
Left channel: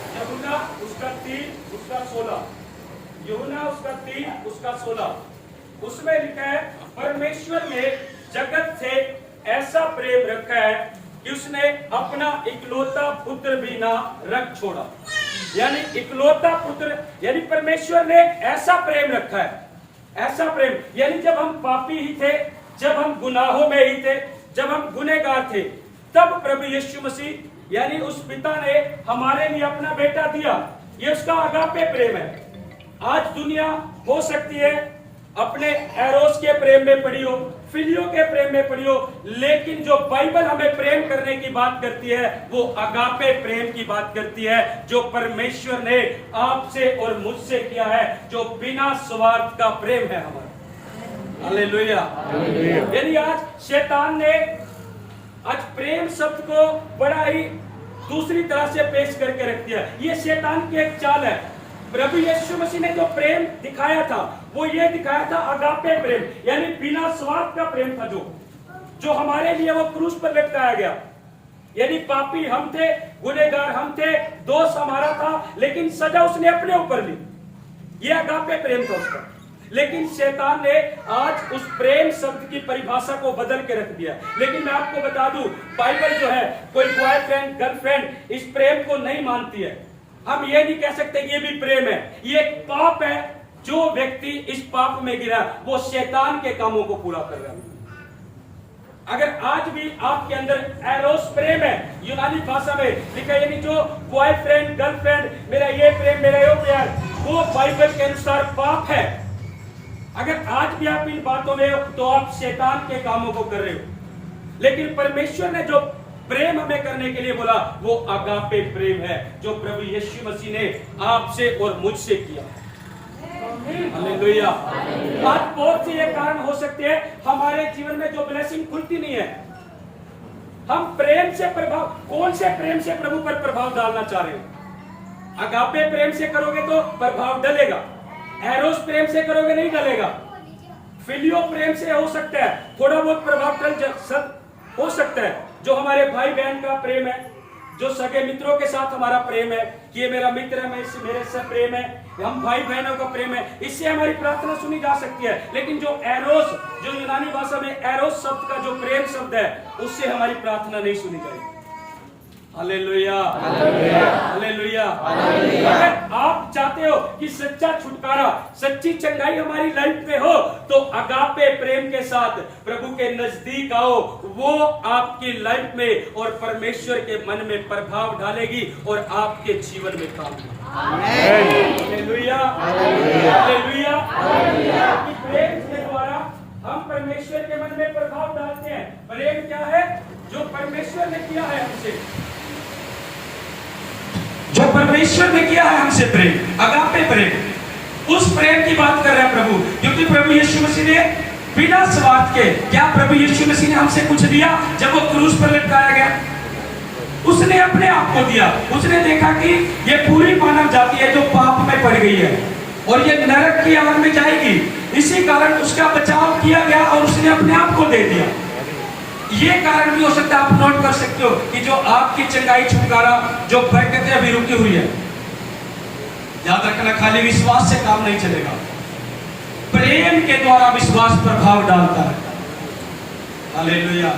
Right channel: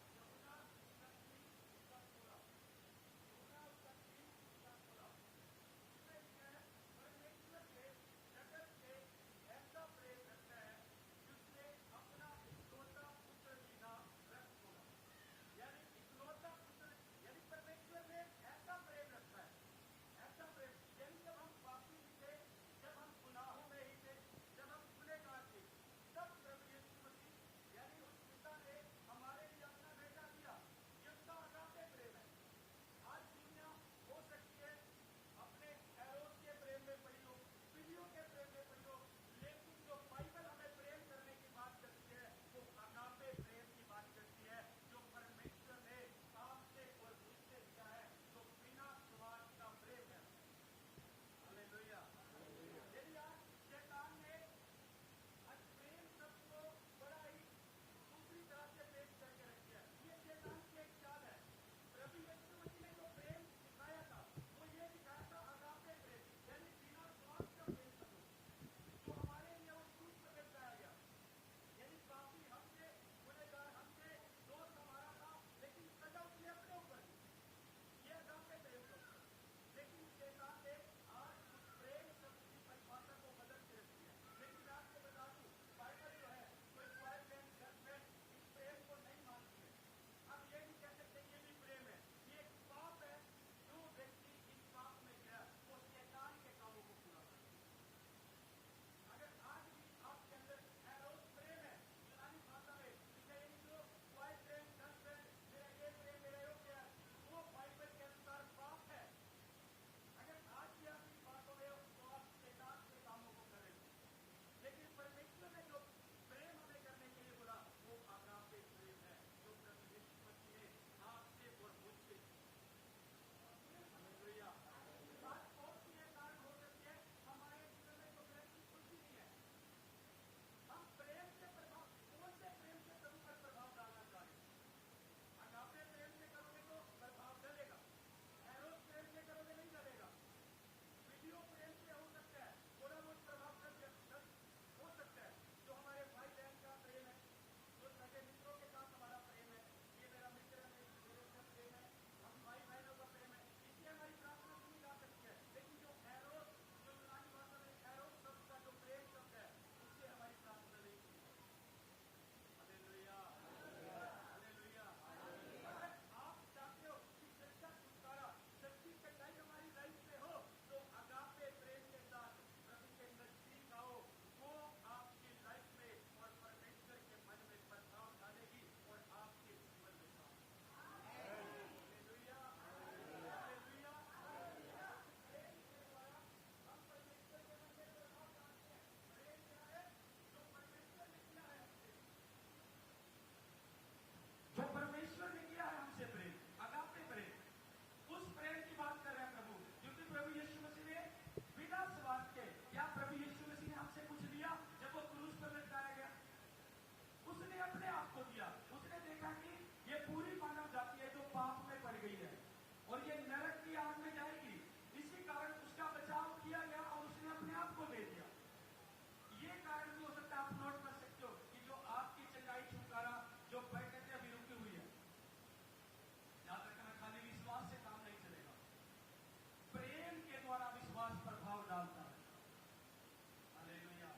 यूहन्ना उसका 3 उसका 16, यूहन्ना उसका 3 उसका 16, उसमें लिखा है परमेश्वर ने जगत से ऐसा प्रेम रखा है कि उसने अपना इकलौता पुत्र भी ना रख छोड़ा। यानी इकलौता पुत्र, यानी परमेश्वर ने ऐसा प्रेम रखा है, ऐसा प्रेम। यानी जब हम पापी ही थे, जब हम गुनाहों में ही थे, जब हम गुनहगार थे, तब प्रभु यीशु मसीह यानी उस पिता ने हमारे लिए अपना बेटा दिया। ये उसका अगापे प्रेम है। आज दुनिया हो सकती है अपने एरोस के प्रेम में पड़ी हो, फिलियो के प्रेम में पड़ी हो, लेकिन जो बाइबल हमें प्रेम करने की बात करती है वो अगापे प्रेम की बात करती है, जो परमेश्वर ने आपसे और मुझसे किया है, जो बिना स्वार्थ का प्रेम है हमारा। हालेलुया। यानी आज शैतान ने आज प्रेम शब्द को बड़ा ही दूसरी तरह से पेश करके रख दिया। ये शैतान की एक चाल है। प्रभु यीशु मसीह ने जो प्रेम दिखाया था वो ये दिखाया था अगापे प्रेम, यानी बिना स्वार्थ का प्रेम था, जो हमारे लिए वो क्रूस पर लटकाया गया। यानी पापी हम थे, गुनहगार हम थे, दोष हमारा था, लेकिन सजा उसने अपने ऊपर ली। ये अगापे प्रेम था उसका। लेकिन शैतान ने आज उस प्रेम शब्द की परिभाषा को बदल के रख दिया। लेकिन मैं आपको बता दूं, बाइबल जो है कोई बॉयफ्रेंड गर्लफ्रेंड इस प्रेम को नहीं मानती है। हम ये नहीं कह सकते कि ये भी प्रेम है। ये एक पाप है। जो व्यक्ति इस पाप में गिरा वो शैतान के कामों को पूरा कर रहा है। अगर आज भी आपके अंदर एरोस प्रेम है, यूनानी भाषा में लिखा है, यानी जो बॉयफ्रेंड गर्लफ्रेंड, मेरा ये प्रेम, मेरा ये प्यार, वो बाइबल के अनुसार पाप है। अगर आज भी आप इन बातों में हो तो आप शैतान के कामों को कर रहे हो। लेकिन परमेश्वर ने जो प्रेम हमें करने के लिए बोला वो अगापे प्रेम है, जो प्रभु यीशु मसीह ने आपसे और मुझसे किया। हालेलुया। आज बहुत से ये कारण हो सकते हैं हमारे जीवन में जो ब्लेसिंग खुलती नहीं है। हम प्रेम से प्रभाव, कौन से प्रेम से प्रभु पर प्रभाव डालना चाह रहे हो? अगापे प्रेम से करोगे तो प्रभाव डलेगा, एरोस प्रेम से करोगे नहीं डलेगा। फिलियो प्रेम से हो सकता है थोड़ा बहुत प्रभाव डल हो सकता है। जो हमारे भाई बहन का प्रेम है, जो सगे मित्रों के साथ हमारा प्रेम है कि ये मेरा मित्र है, मेरे से प्रेम है, हम भाई बहनों का प्रेम है, इससे हमारी प्रार्थना सुनी जा सकती है। लेकिन जो एरोस, जो यूनानी भाषा में एरोस शब्द का जो प्रेम शब्द है, उससे हमारी प्रार्थना नहीं सुनी जाएगी। Hallelujah, hallelujah. अगर आप चाहते हो कि सच्चा छुटकारा, सच्ची चंगाई हमारी लाइफ में हो, तो अगापे प्रेम के साथ प्रभु के नजदीक आओ। वो आपकी लाइफ में और परमेश्वर के मन में प्रभाव डालेगी और आपके जीवन में काम करेगी। Hallelujah, hallelujah. प्रेम के द्वारा हम परमेश्वर के मन में प्रभाव डालते हैं। प्रेम क्या है? जो परमेश्वर ने किया है हमसे, जो परमेश्वर ने किया है हमसे प्रेम, अगापे प्रेम, उस प्रेम की बात कर रहे हैं प्रभु। क्योंकि प्रभु यीशु मसीह ने बिना स्वार्थ के, क्या प्रभु यीशु मसीह ने हमसे कुछ दिया? जब वो क्रूस पर लटकाया गया उसने अपने आप को दिया। उसने देखा कि ये पूरी मानव जाति है जो पाप में पड़ गई है और ये नरक की आग में जाएगी, इसी कारण उसका बचाव किया गया और उसने अपने आप को दे दिया। ये कारण भी हो सकता है, आप नोट कर सकते हो कि जो आपकी चंगाई छुटकारा, जो बरकतें अभी रुकी हुई है, याद रखना खाली विश्वास से काम नहीं चलेगा। प्रेम के द्वारा विश्वास प्रभाव डालता है। हालेलुया।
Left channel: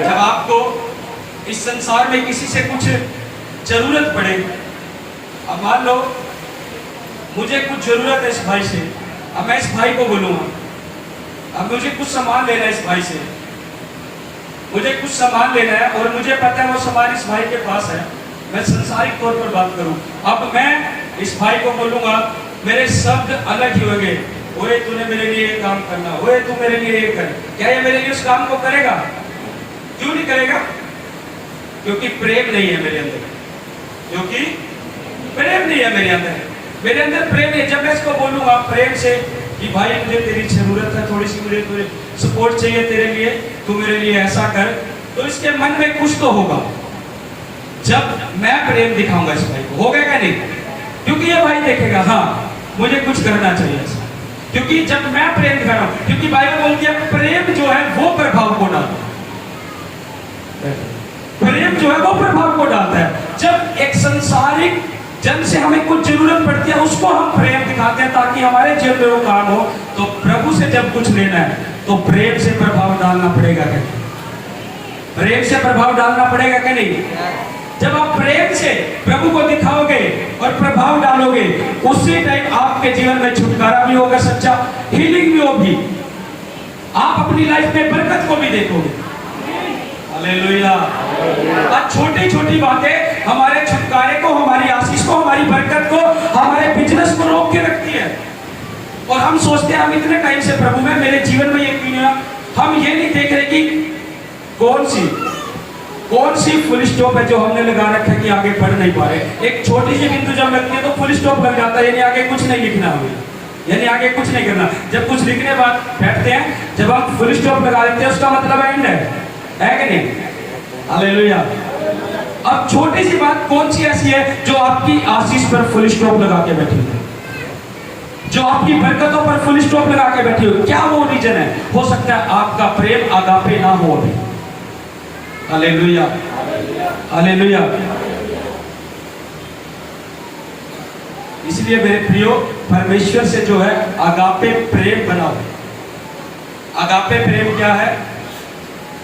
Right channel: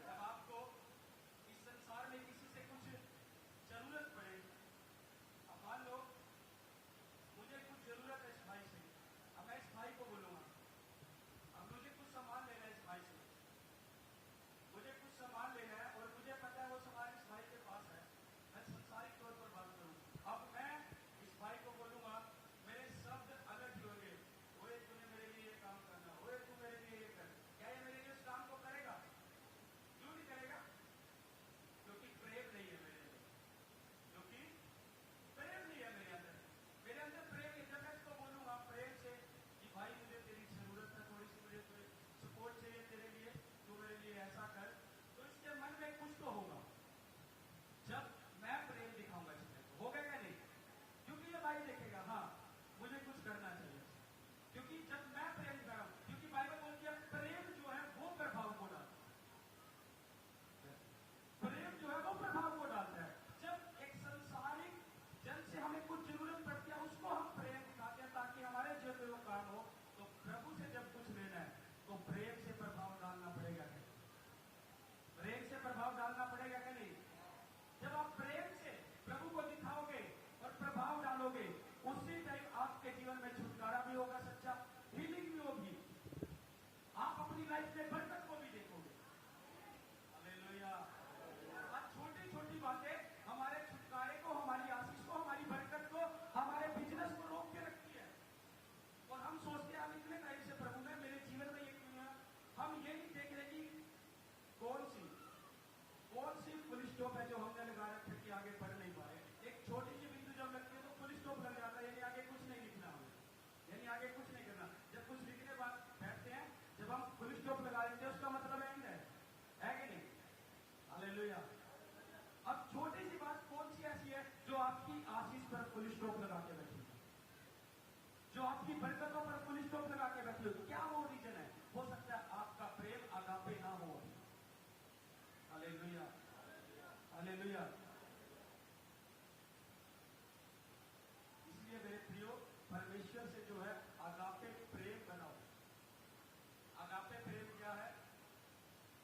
जब आपको इस संसार में किसी से कुछ जरूरत पड़े, अब मान लो मुझे कुछ जरूरत है इस भाई से, अब मैं इस भाई को बोलूंगा, अब मुझे कुछ सामान लेना है इस भाई से, मुझे कुछ सामान लेना है और मुझे पता है वो सामान इस भाई के पास है। मैं संसारिक तौर पर बात करूं, अब मैं इस भाई को बोलूंगा, मेरे शब्द अलग ही होंगे, ओए तूने मेरे लिए ये काम करना, ओए तू मेरे लिए ये कर। क्या ये मेरे लिए उस काम को करेगा? क्यों नहीं करेगा? क्योंकि प्रेम नहीं है मेरे अंदर, क्योंकि प्रेम नहीं है मेरे अंदर। मेरे अंदर प्रेम है। जब मैं इसको बोलूंगा प्रेम से कि भाई मुझे तेरी जरूरत है, थोड़ी सी मुझे सपोर्ट चाहिए तेरे लिए, तू मेरे लिए ऐसा कर, तो इसके मन में कुछ तो होगा। जब मैं प्रेम दिखाऊंगा इस भाई को, होगा क्या नहीं? क्योंकि ये भाई देखेगा हाँ मुझे कुछ करना चाहिए ऐसा, क्योंकि जब मैं प्रेम दिखा रहा हूं, क्योंकि बाइबल बोलती है प्रेम जो है वो प्रभाव को डालता है। प्रेम जो है वो प्रभाव को डालता है। जब एक संसारिक जन से हमें कुछ जरूरत पड़ती है, उसको हम प्रेम दिखाते हैं ताकि हमारे जीवन में वो काम हो। तो प्रभु से जब कुछ लेना है तो प्रेम से प्रभाव डालना पड़ेगा क्या? प्रेम से प्रभाव डालना पड़ेगा क्या नहीं? जब आप प्रेम से प्रभु को दिखाओगे और प्रभाव डालोगे, उसी टाइम आपके जीवन में छुटकारा भी होगा, सच्चा हीलिंग भी होगी, आप अपनी लाइफ में बरकत को भी देखोगे। हालेलुया। आज छोटी छोटी बातें हमारे छुटकारे को, हमारी आशीष को, हमारी बरकत को, हमारे बिजनेस को रोक के रखती है। और हम सोचते हैं हम इतने टाइम से प्रभु में, मेरे जीवन में ये क्यों नहीं हुआ। हम ये नहीं देख रहे कि कौन सी फुल स्टॉप है जो हमने लगा रखा है कि आगे बढ़ नहीं पा रहे। एक छोटी सी बिंदु जब लगती है तो फुल स्टॉप लग जाता है, यानी आगे कुछ नहीं लिखना हमें, यानी आगे कुछ नहीं करना। जब कुछ लिखने बाद बैठते हैं, जब हम फुल स्टॉप लगा देते हैं उसका मतलब एंड है कि नहीं? हालेलुया। अब छोटी सी बात कौन सी ऐसी है जो आपकी आशीष पर फुल स्टॉप लगा के बैठी है, जो आपकी बरकतों पर फुल स्टॉप लगा के बैठी हो? क्या वो रीजन है? हो सकता है आपका प्रेम आगापे ना हो अभी। Hallelujah, hallelujah. इसलिए मेरे प्रियो, परमेश्वर से जो है आगापे प्रेम बनाओ। आगापे प्रेम क्या है?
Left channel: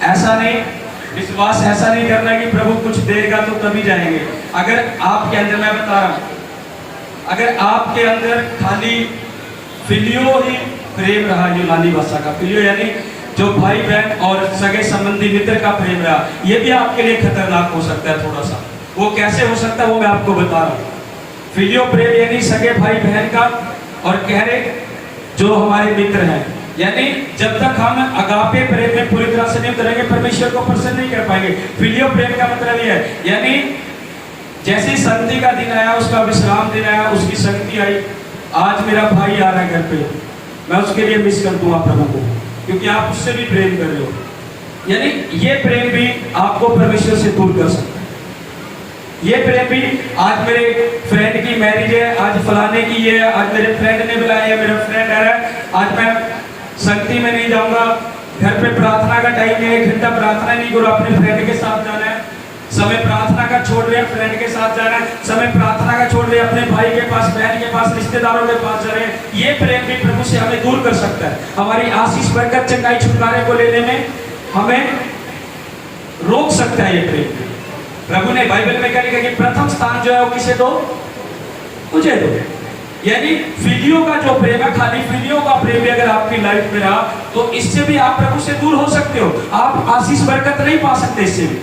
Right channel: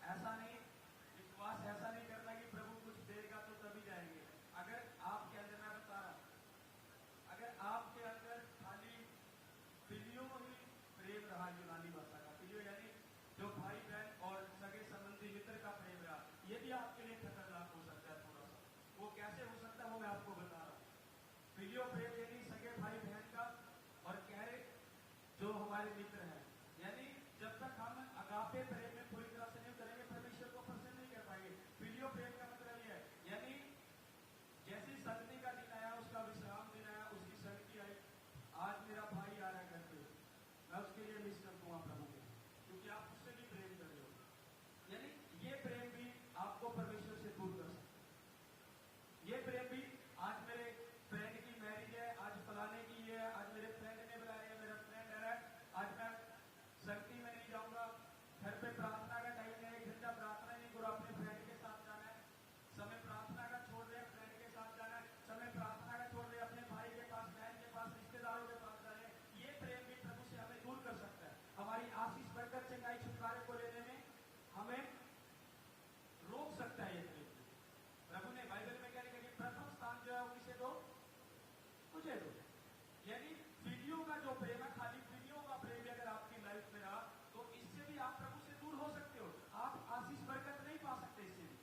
ऐसा नहीं, विश्वास ऐसा नहीं करना कि प्रभु कुछ देगा तो तभी जाएंगे। अगर आपके अंदर, मैं बता रहा हूं, अगर आपके अंदर खाली फिलियो ही प्रेम रहा, यूनानी भाषा का फिलियो यानी जो भाई बहन और सगे संबंधी मित्र का प्रेम रहा, ये भी आपके लिए खतरनाक हो सकता है थोड़ा सा। वो कैसे हो सकता है वो मैं आपको बता रहा हूँ। फिलियो प्रेम यानी सगे भाई बहन का, और गहरे जो हमारे मित्र हैं, यानी जब तक हम अगापे प्रेम में पूरी तरह से नहीं उतरेंगे परमेश्वर को प्रसन्न नहीं कर पाएंगे। फिलियो प्रेम का मतलब ये है, यानी जैसे संगति का दिन आया, उसका विश्राम दिन आया, उसकी संगति आई, आज मेरा भाई आ रहा है घर पे, मैं उसके लिए मिस कर दूंगा प्रभु को, क्योंकि आप उससे भी प्रेम कर रहे हो। यानी ये प्रेम भी आपको परमेश्वर से दूर कर सकता है। ये प्रेम भी, आज मेरे फ्रेंड की मैरिज है, आज फलाने की ये है, आज मेरे फ्रेंड ने बुलाया है, मेरा फ्रेंड आ रहा है, आज मैं संगति में नहीं जाऊंगा, घर पे प्रार्थना का टाइम है, 1 घंटा प्रार्थना नहीं करो, अपने फ्रेंड के साथ जाना है, समय प्रार्थना का छोड़ रहे हैं, फ्रेंड के साथ जाना है, समय प्रार्थना का छोड़ रहे हैं, अपने भाई के पास, बहन के पास, रिश्तेदारों के पास जा रहे हैं। ये प्रेम भी प्रभु से हमें दूर कर सकता है, हमारी आशीष बरकत चंगाई छुटकारे को लेने में हमें रोक सकता है ये प्रेम। प्रभु ने बाइबल में क्या लिखा कि प्रथम स्थान जो है वो किसे दो? मुझे दो। यानी फिलियो का जो प्रेम है, खाली फिलियो का प्रेम भी अगर आपकी लाइफ में रहा तो इससे भी आप प्रभु से दूर हो सकते हो, आप आशीष बरकत नहीं पा सकते। इससे भी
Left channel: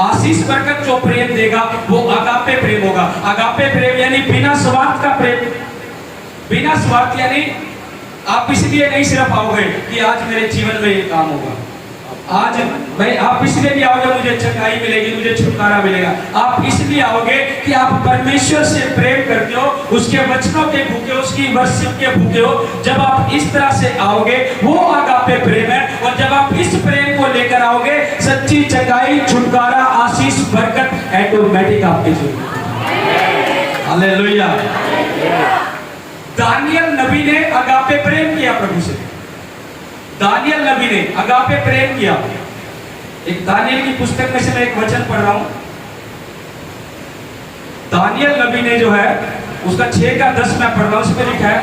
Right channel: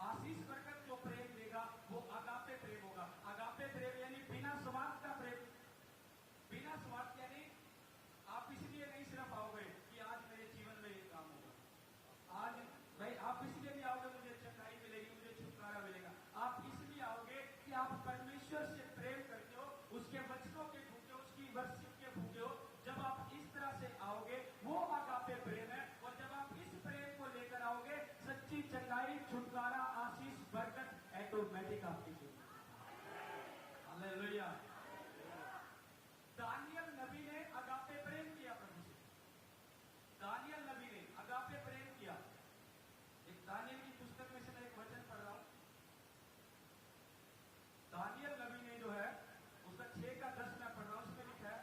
आशीष बरकत जो प्रेम देगा वो अगापे प्रेम होगा। अगापे प्रेम यानी बिना स्वार्थ का प्रेम। बिना स्वार्थ यानी आप इसलिए नहीं सिर्फ आओगे कि आज मेरे जीवन में ये काम होगा, आज भाई आप इसलिए भी आओगे मुझे चंगाई मिलेगी, मुझे छुटकारा मिलेगा। आप इसलिए आओगे कि आप परमेश्वर से प्रेम करते हो, उसके वचनों के भूखे हो, उसकी वर्शिप के भूखे हो। जब आप इस तरह से आओगे वो आगापे प्रेम है, और जब आप इस प्रेम को लेकर आओगे सच्ची चंगाई, छुटकारा, आशीष, बरकत ऑटोमेटिक आपके जीवन में। हालेलुया। दानियल नबी ने आगापे प्रेम किया प्रभु से। दानियल नबी ने अगापे प्रेम किया। एक दानियल की पुस्तक में से मैं एक वचन पढ़ रहा हूं। दानियल नबी ने जो है उसका 6 का 10 मैं पढ़ रहा हूं, उसमें लिखा है,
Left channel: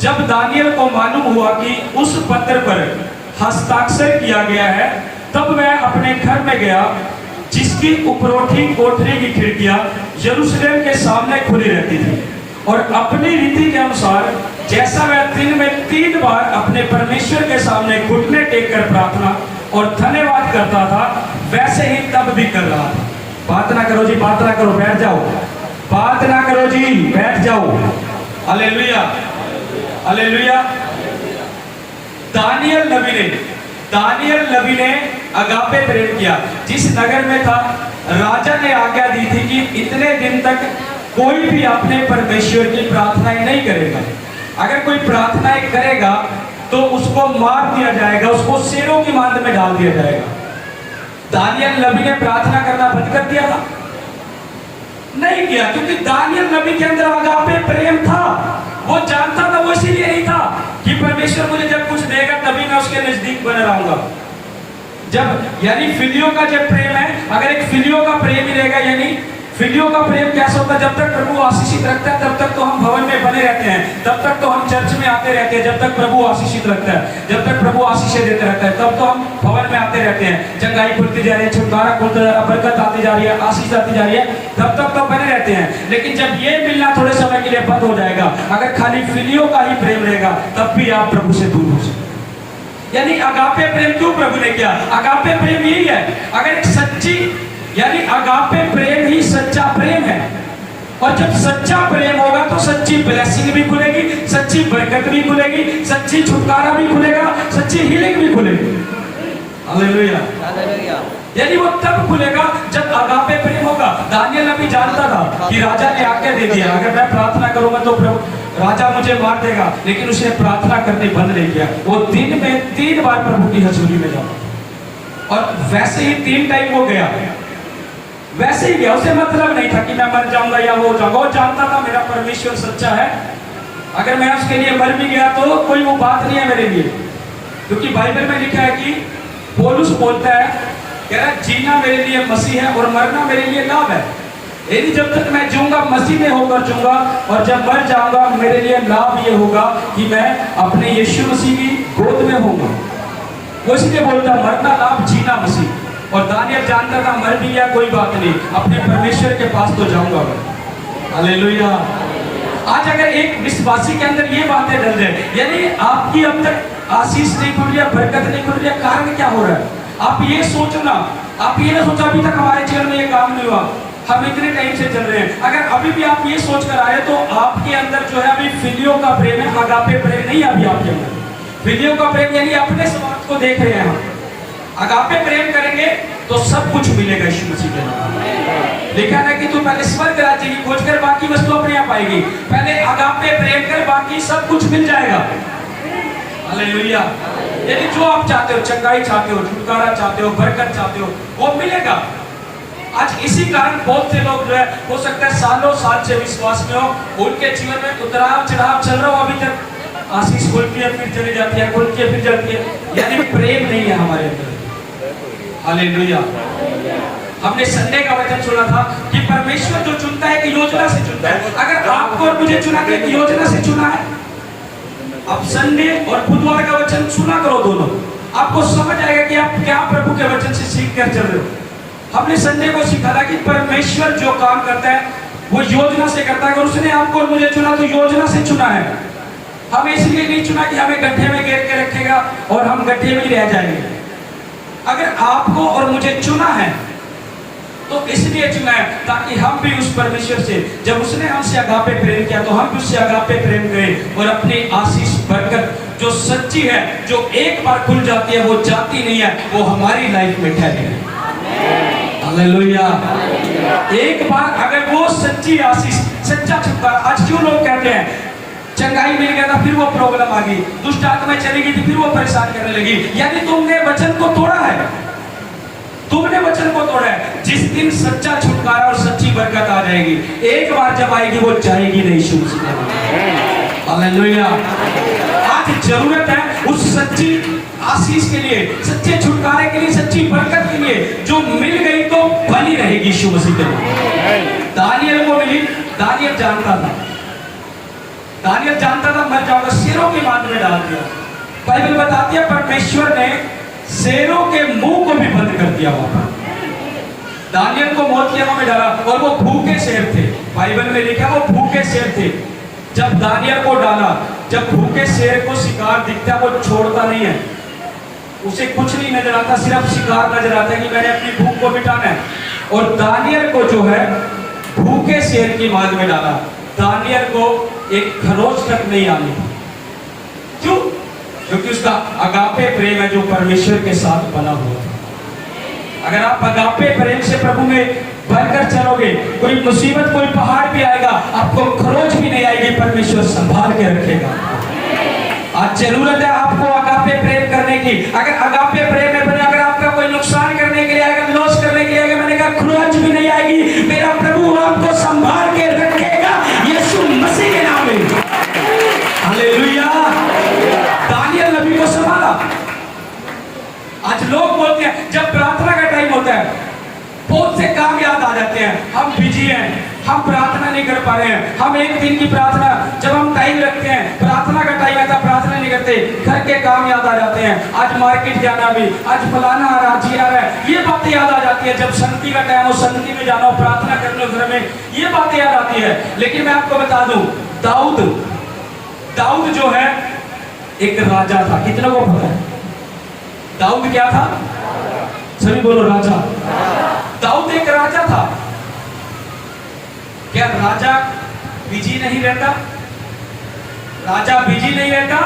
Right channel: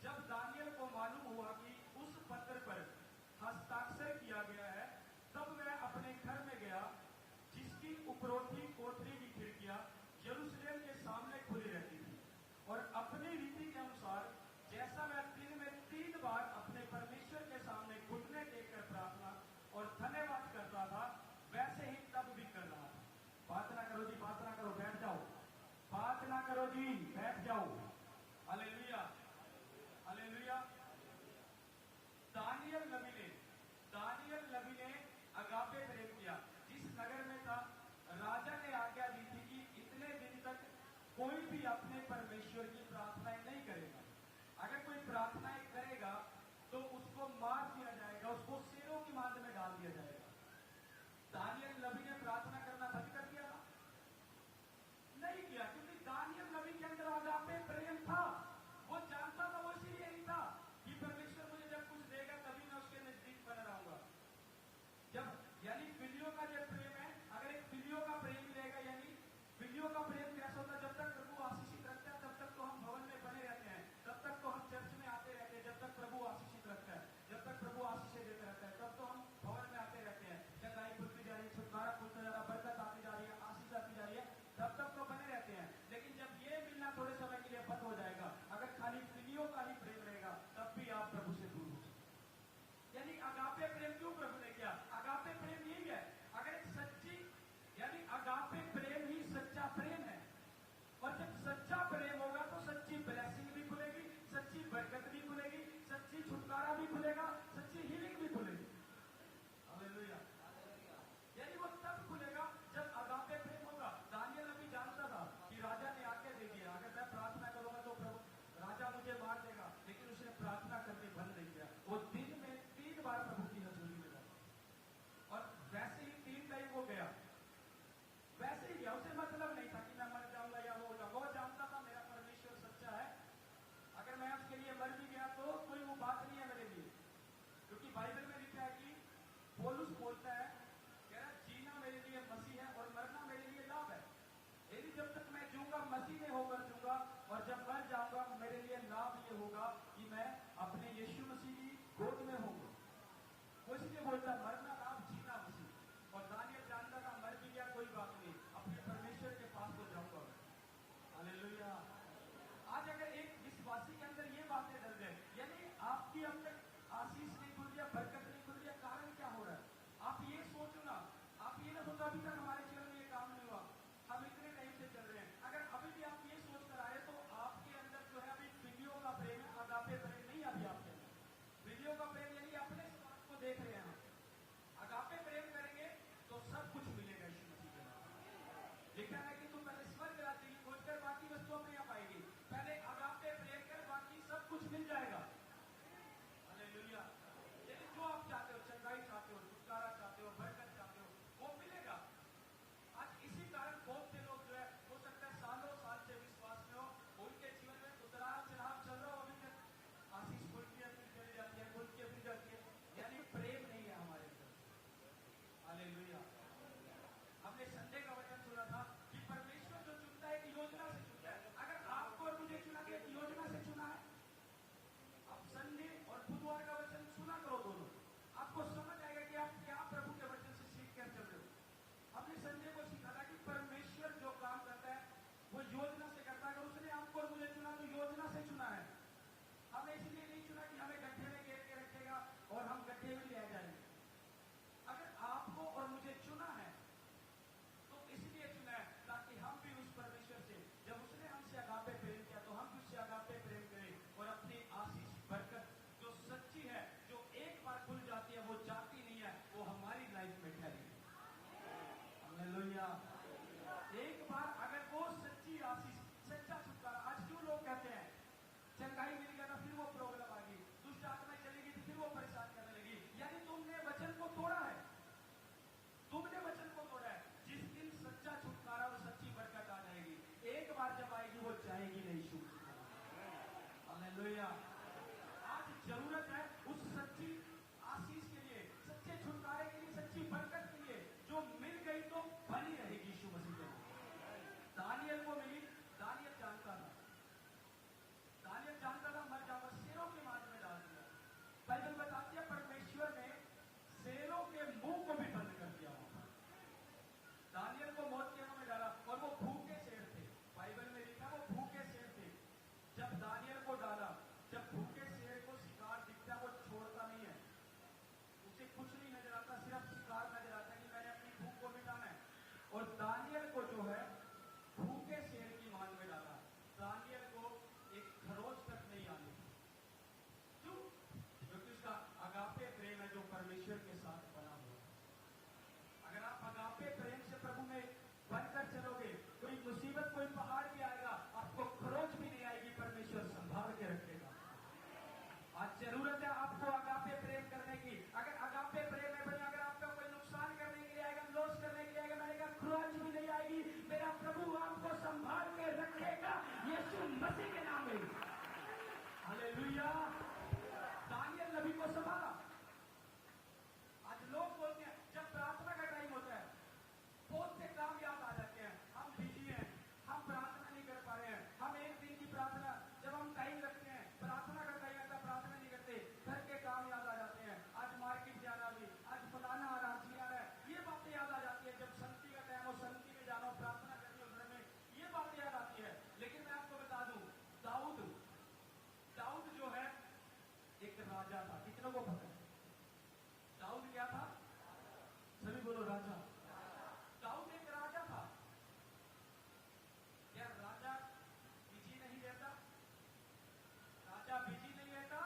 जब दानियल को मालूम हुआ कि उस पत्र पर हस्ताक्षर किया गया है, तब मैं अपने घर में गया जिसकी उपरोठी कोठरी की खिड़कियां यरूशलेम के सामने खुली रहती थी, और अपनी रीति के अनुसार जैसा मैं दिन में 3 बार अपने परमेश्वर के सामने घुटने टेक कर प्रार्थना और धन्यवाद करता था, वैसे ही तब भी कर रहा था। बात ना करो जी, बात ना करो, बैठ जाओ। बात ना करो जी, बैठ जाओ। Hallelujah, hallelujah. दानियल नबी ने अगापे प्रेम किया। जिस नगर में था, राजा ने आज्ञा दी थी कि इतने दिन तक कोई भी अपने परमेश्वर की प्रार्थनाएं नहीं करेगा। अगर कोई प्रार्थनाएं करेगा तो उसको मार दिया जाएगा, उसको शेरों की मांद में डाल दिया जाएगा। दानियल नबी ने प्रार्थना करना बंद कर दिया था? नहीं किया, क्योंकि दानियल नबी के अंदर अगापे प्रेम था। वो जानता था, वो इसीलिए नहीं था कि परमेश्वर मुझे जब कुछ देगा तभी मैं उसके नजदीक बना रहूंगा। जब यानी फिलियो का जब प्रेम है, अगर एक फिलियो का प्रेम ही रहेगा, यानी फिलियो का प्रेम कैसा होता है, जब तक प्रभु आशीषित रखता है तब तक तो हम भवन में बने रहते हैं, तब तक तो हम चर्च में आते रहते हैं, जब तक प्रभु आशीषित रखता है, जब तक प्रभु आशीषें देते रहता है तब तो हम भवन में आते रहते हैं। चंगाई खुलती जा रही है, छुटकारा खुलता जा रहा है, बरकत आती जा रही है, आशीष आती जा रही है, तब तक तो बने रहते हैं। लेकिन जब ये मिलना थोड़े समय के लिए बंद हो जाएगा, अगर खाली फिलियो का ही प्रेम रहेगा, तब भी आप प्रभु से दूर हो सकते। यानी अगापे प्रेम क्यों प्रभु ने किया? अगापे प्रेम यही है, अगर एक सच्ची यानी अगापे प्रेम ही सच्चा प्रेम है। और जब सच्चा प्रेम होगा तो सच्ची ब्लेसिंग भी खुलेगी, सच्ची बरकत भी खुलेगी, सच्ची छुटकारा भी खुलेगा, सच्ची हीलिंग भी खुलेगी। Hallelujah, hallelujah. यानी वो तब खुलेगा जब अगापे प्रेम होगा। दानियल नबी जानता था कि राजा ने आज्ञा दे दिया, अगर मैं प्रार्थना करूंगा तो प्रभु राजा मुझे मार देगा, लेकिन उसने प्रार्थना करनी बंद नहीं किया। वो दिन में 3 बार प्रभु की हजूरी में जाता, और वैसे ही 3 टाइम वो गया, वैसे ही गया। उसे मतलब नहीं था कि मैं मर जाऊंगा या हो जाऊंगा। वो जानता था मेरा परमेश्वर सच्चा है, अगर मैं उसके लिए मर भी गया तो कोई वो बात नहीं है मेरे लिए। क्योंकि बाइबल में लिखा है कि पौलुस बोलता है, कह रहा है जीना मेरे लिए मसीह है और मरना मेरे लिए लाभ है। यदि जब तक मैं जीऊंगा मसीह में होकर जीऊंगा, और जब मर जाऊंगा मेरे लिए लाभ ये होगा कि मैं अपने यीशु मसीह की गोद में होऊंगा। वो इसलिए बोलता मरना लाभ, जीना मसीह। और दानियल जानता था मर भी गया कोई बात नहीं, अपने परमेश्वर के पास तो जाऊंगा। हालेलुया। आज अगर एक विश्वासी के अंदर ये बातें डल जाए, यानी आपकी अब तक आशीष नहीं खुल रही है, बरकत नहीं खुल रही है, कारण क्या हो रहा है? आप ये सोचना, आप ये ना सोचा अभी तक हमारे जीवन में ये काम नहीं हुआ, हम इतने टाइम से चल रहे हैं। अगर अभी भी आप ये सोच कर आए तो आपके अंदर जो है अभी फिलियो का प्रेम है, अगापे प्रेम नहीं है अभी आपके अंदर। फिलियो का प्रेम यानी अपने स्वार्थ को देख रहे हैं हम। अगापे प्रेम करेंगे तो सब कुछ मिलेगा यीशु मसीह के नाम। लिखा है कि तू पहले स्वर्ग राज्य की खोज कर, बाकी वस्तु अपने आप आएगी। पहले अगापे प्रेम कर, बाकी सब कुछ मिल जाएगा। हालेलुया। यदि जो आप चाहते हो, चंगाई चाहते हो, छुटकारा चाहते हो, बरकत चाहते हो, वो मिलेगा। आज इसी कारण बहुत से लोग जो है, हो सकता है सालों साल से विश्वास में हो, उनके जीवन में उतराव चढ़ाव चल रहा हो, अभी तक आशीष खुलती है फिर चली जाती है, खुलती है फिर जाती है, यानी प्रेम नहीं है हमारे अंदर। हालेलुया। हमने संडे का वचन सुना था कि परमेश्वर जो चुनता है कि योजना से चुनता है। अगर आपको और मुझे चुना के योजना से चुना है, अब संडे और बुधवार का वचन सुना करो दोनों, आपको समझ आएगा कि आप क्या प्रभु के वचन से सीख कर चल रहे हो। हमने संडे को सीखा था कि परमेश्वर जो काम करता है वो योजना से करता है। अगर उसने आपको और मुझे चुना तो योजना से चुना है। हमें इसलिए नहीं चुना कि हमें गड्ढे में घेर के रखेगा और हम गड्ढे में ही रह जाएंगे। अगर आपको और मुझे चुना है तो इसलिए चुना है ताकि हम भी उस परमेश्वर से, जब उसने हमसे अगापे प्रेम किया तो हम भी उससे अगापे प्रेम करें, और अपनी आशीष बरकत जो सच्ची है, जो एक बार खुल जाती है वो जाती नहीं है, वो हमारी लाइफ में ठहरे। हालेलुया। एक बार अगर वो सच्ची आशीष, सच्चा छुटकारा, आज क्यों लोग कहते हैं चंगाई मिल गया था फिर वो प्रॉब्लम आ गई, दुष्ट आत्माएं चली गई थी फिर वो परेशान करने लगी, यानी तुमने वचन को तोड़ा है, तुमने वचन को तोड़ा है। जिस दिन सच्चा छुटकारा और सच्ची बरकत आ जाएगी, एक बार जब आएगी वो जाएगी नहीं। हालेलुया। आज जरूरत है उस सच्ची आशीष के लिए, सच्चे छुटकारे के लिए, सच्ची बरकत के लिए, जो मिल गई तो बनी रहेगी यीशु मसीह के लिए। दानियल को मिली, दानियल जानता था, दानियल जानता था मर जाऊंगा, शेरों की मांद में डाल दिया। बाइबल बताती है परमेश्वर ने शेरों के मुंह को भी बंद कर दिया वहां पर। दानियल को मौत की हवा में डाला, और वो भूखे शेर थे। बाइबल में लिखा वो भूखे शेर थे। जब दानियल को डाला, जब भूखे शेर को शिकार दिखता है वो छोड़ता नहीं है, उसे कुछ नहीं नजर आता, सिर्फ शिकार नजर आता है कि मैंने अपनी भूख को मिटाना है। और दानियल को जो है भूखे शेर की मांद में डाला। दानियल को एक खरोच तक नहीं आनी। क्यों? क्योंकि उसका अगापे प्रेम है जो परमेश्वर के साथ बना हुआ था। अगर आप अगापे प्रेम से प्रभु में भरकर चलोगे, कोई मुसीबत कोई पहाड़ भी आएगा, आपको खरोच भी नहीं आएगी, परमेश्वर संभाल के रखेगा। आज जरूरत है आपको अगापे प्रेम करने की। अगर अगापे प्रेम में बने, अगर आपका कोई नुकसान करने के लिए आएगा, लॉस करने के लिए आएगा, मैंने कहा खरोच भी नहीं आएगी, मेरा प्रभु आपको संभाल के रखेगा, यीशु मसीह के नाम में। हालेलुया। दानियल नबी को संभाला। आज लोग बोलते हैं जब प्रार्थना का टाइम होता है बहुत से काम याद आ जाते हैं, हम बिजी हैं, हम प्रार्थना नहीं कर पा रहे हैं, हम एक दिन की प्रार्थना जब हम टाइम रखते हैं, प्रार्थना का टाइम आता प्रार्थना नहीं करते, घर के काम याद आ जाते हैं, आज मार्केट जाना भी, आज फलाना आ रहा, जी आ रहा है, ये बातें याद आ जाती है। जब संगति का टाइम हो, संगति में जाना हो, प्रार्थना करने घर में, ये बातें याद आती है। लेकिन मैं आपको बता दूं, दाऊद जो है एक राजा था। कितने को पता है दाऊद क्या था? सभी बोलो राजा। दाऊद एक राजा था। क्या राजा बिजी नहीं रहता? राजा बिजी नहीं रहता,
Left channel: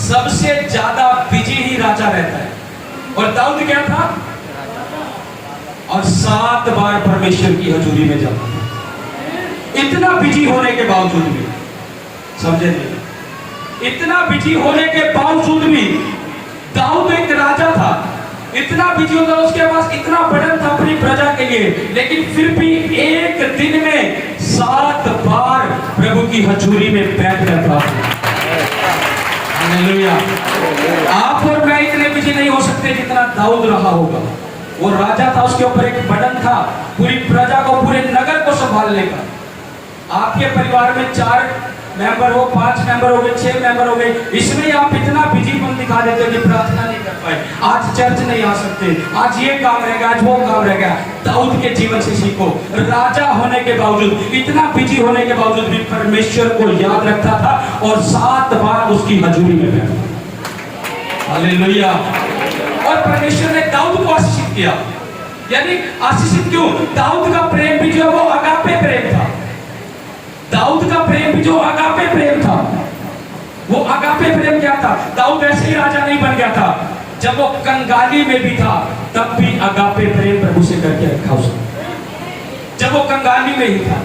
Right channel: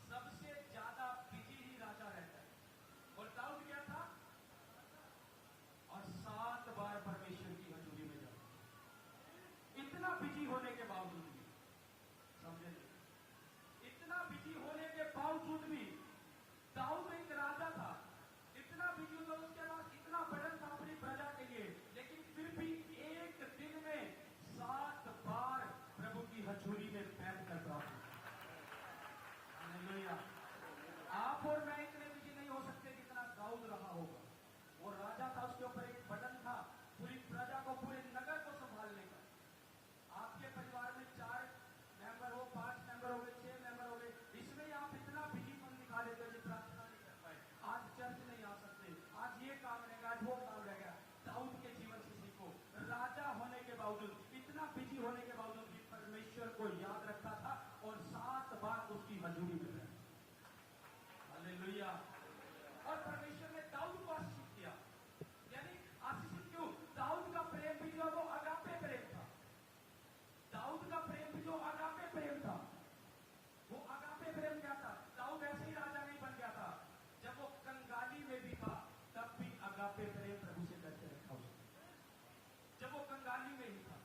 सबसे ज्यादा बिजी ही राजा रहता है। और दाऊद क्या था? और 7 बार परमेश्वर की हजूरी में जाता था। इतना बिजी होने के बावजूद भी, समझे नहीं, इतना बिजी होने के बावजूद भी दाऊद एक राजा था। इतना बिजी होता, उसके पास इतना बर्डन था अपनी प्रजा के लिए, लेकिन फिर भी एक दिन में 7 बार प्रभु की हजूरी में बैठ करता था। हालेलुया। आप और मैं इतने बिजी नहीं हो सकते जितना दाऊद रहा होगा। वो राजा था, उसके ऊपर एक बर्डन था पूरी प्रजा को, पूरे नगर को संभालने का। आपके परिवार में 4 मेंबर हो, 5 मेंबर हो गए, 6 मेंबर हो गए, इसमें आप इतना बिजीपन दिखा देते हो कि प्रार्थना नहीं कर पाए, आज चर्च नहीं आ सकते, आज ये काम रह गया, आज वो काम रह गया। दाऊद के जीवन से सीखो, राजा होने के बावजूद, इतना बिजी होने के बावजूद भी परमेश्वर को याद रखता था और 7 बार उसकी हजूरी में बैठा। हालेलुया। और परमेश्वर ने दाऊद को आशीषित किया। यानी आशीषित क्यों? दाऊद का प्रेम भी जो है वो अगापे प्रेम था। दाऊद का प्रेम भी जो अगापे प्रेम था, वो अगापे प्रेम क्या था? दाऊद ऐसे ही राजा नहीं बन गया था, जब वो कंगाली में भी था तब भी अगापे प्रेम प्रभु से करके रखा उसने। जब वो कंगाली में ही था,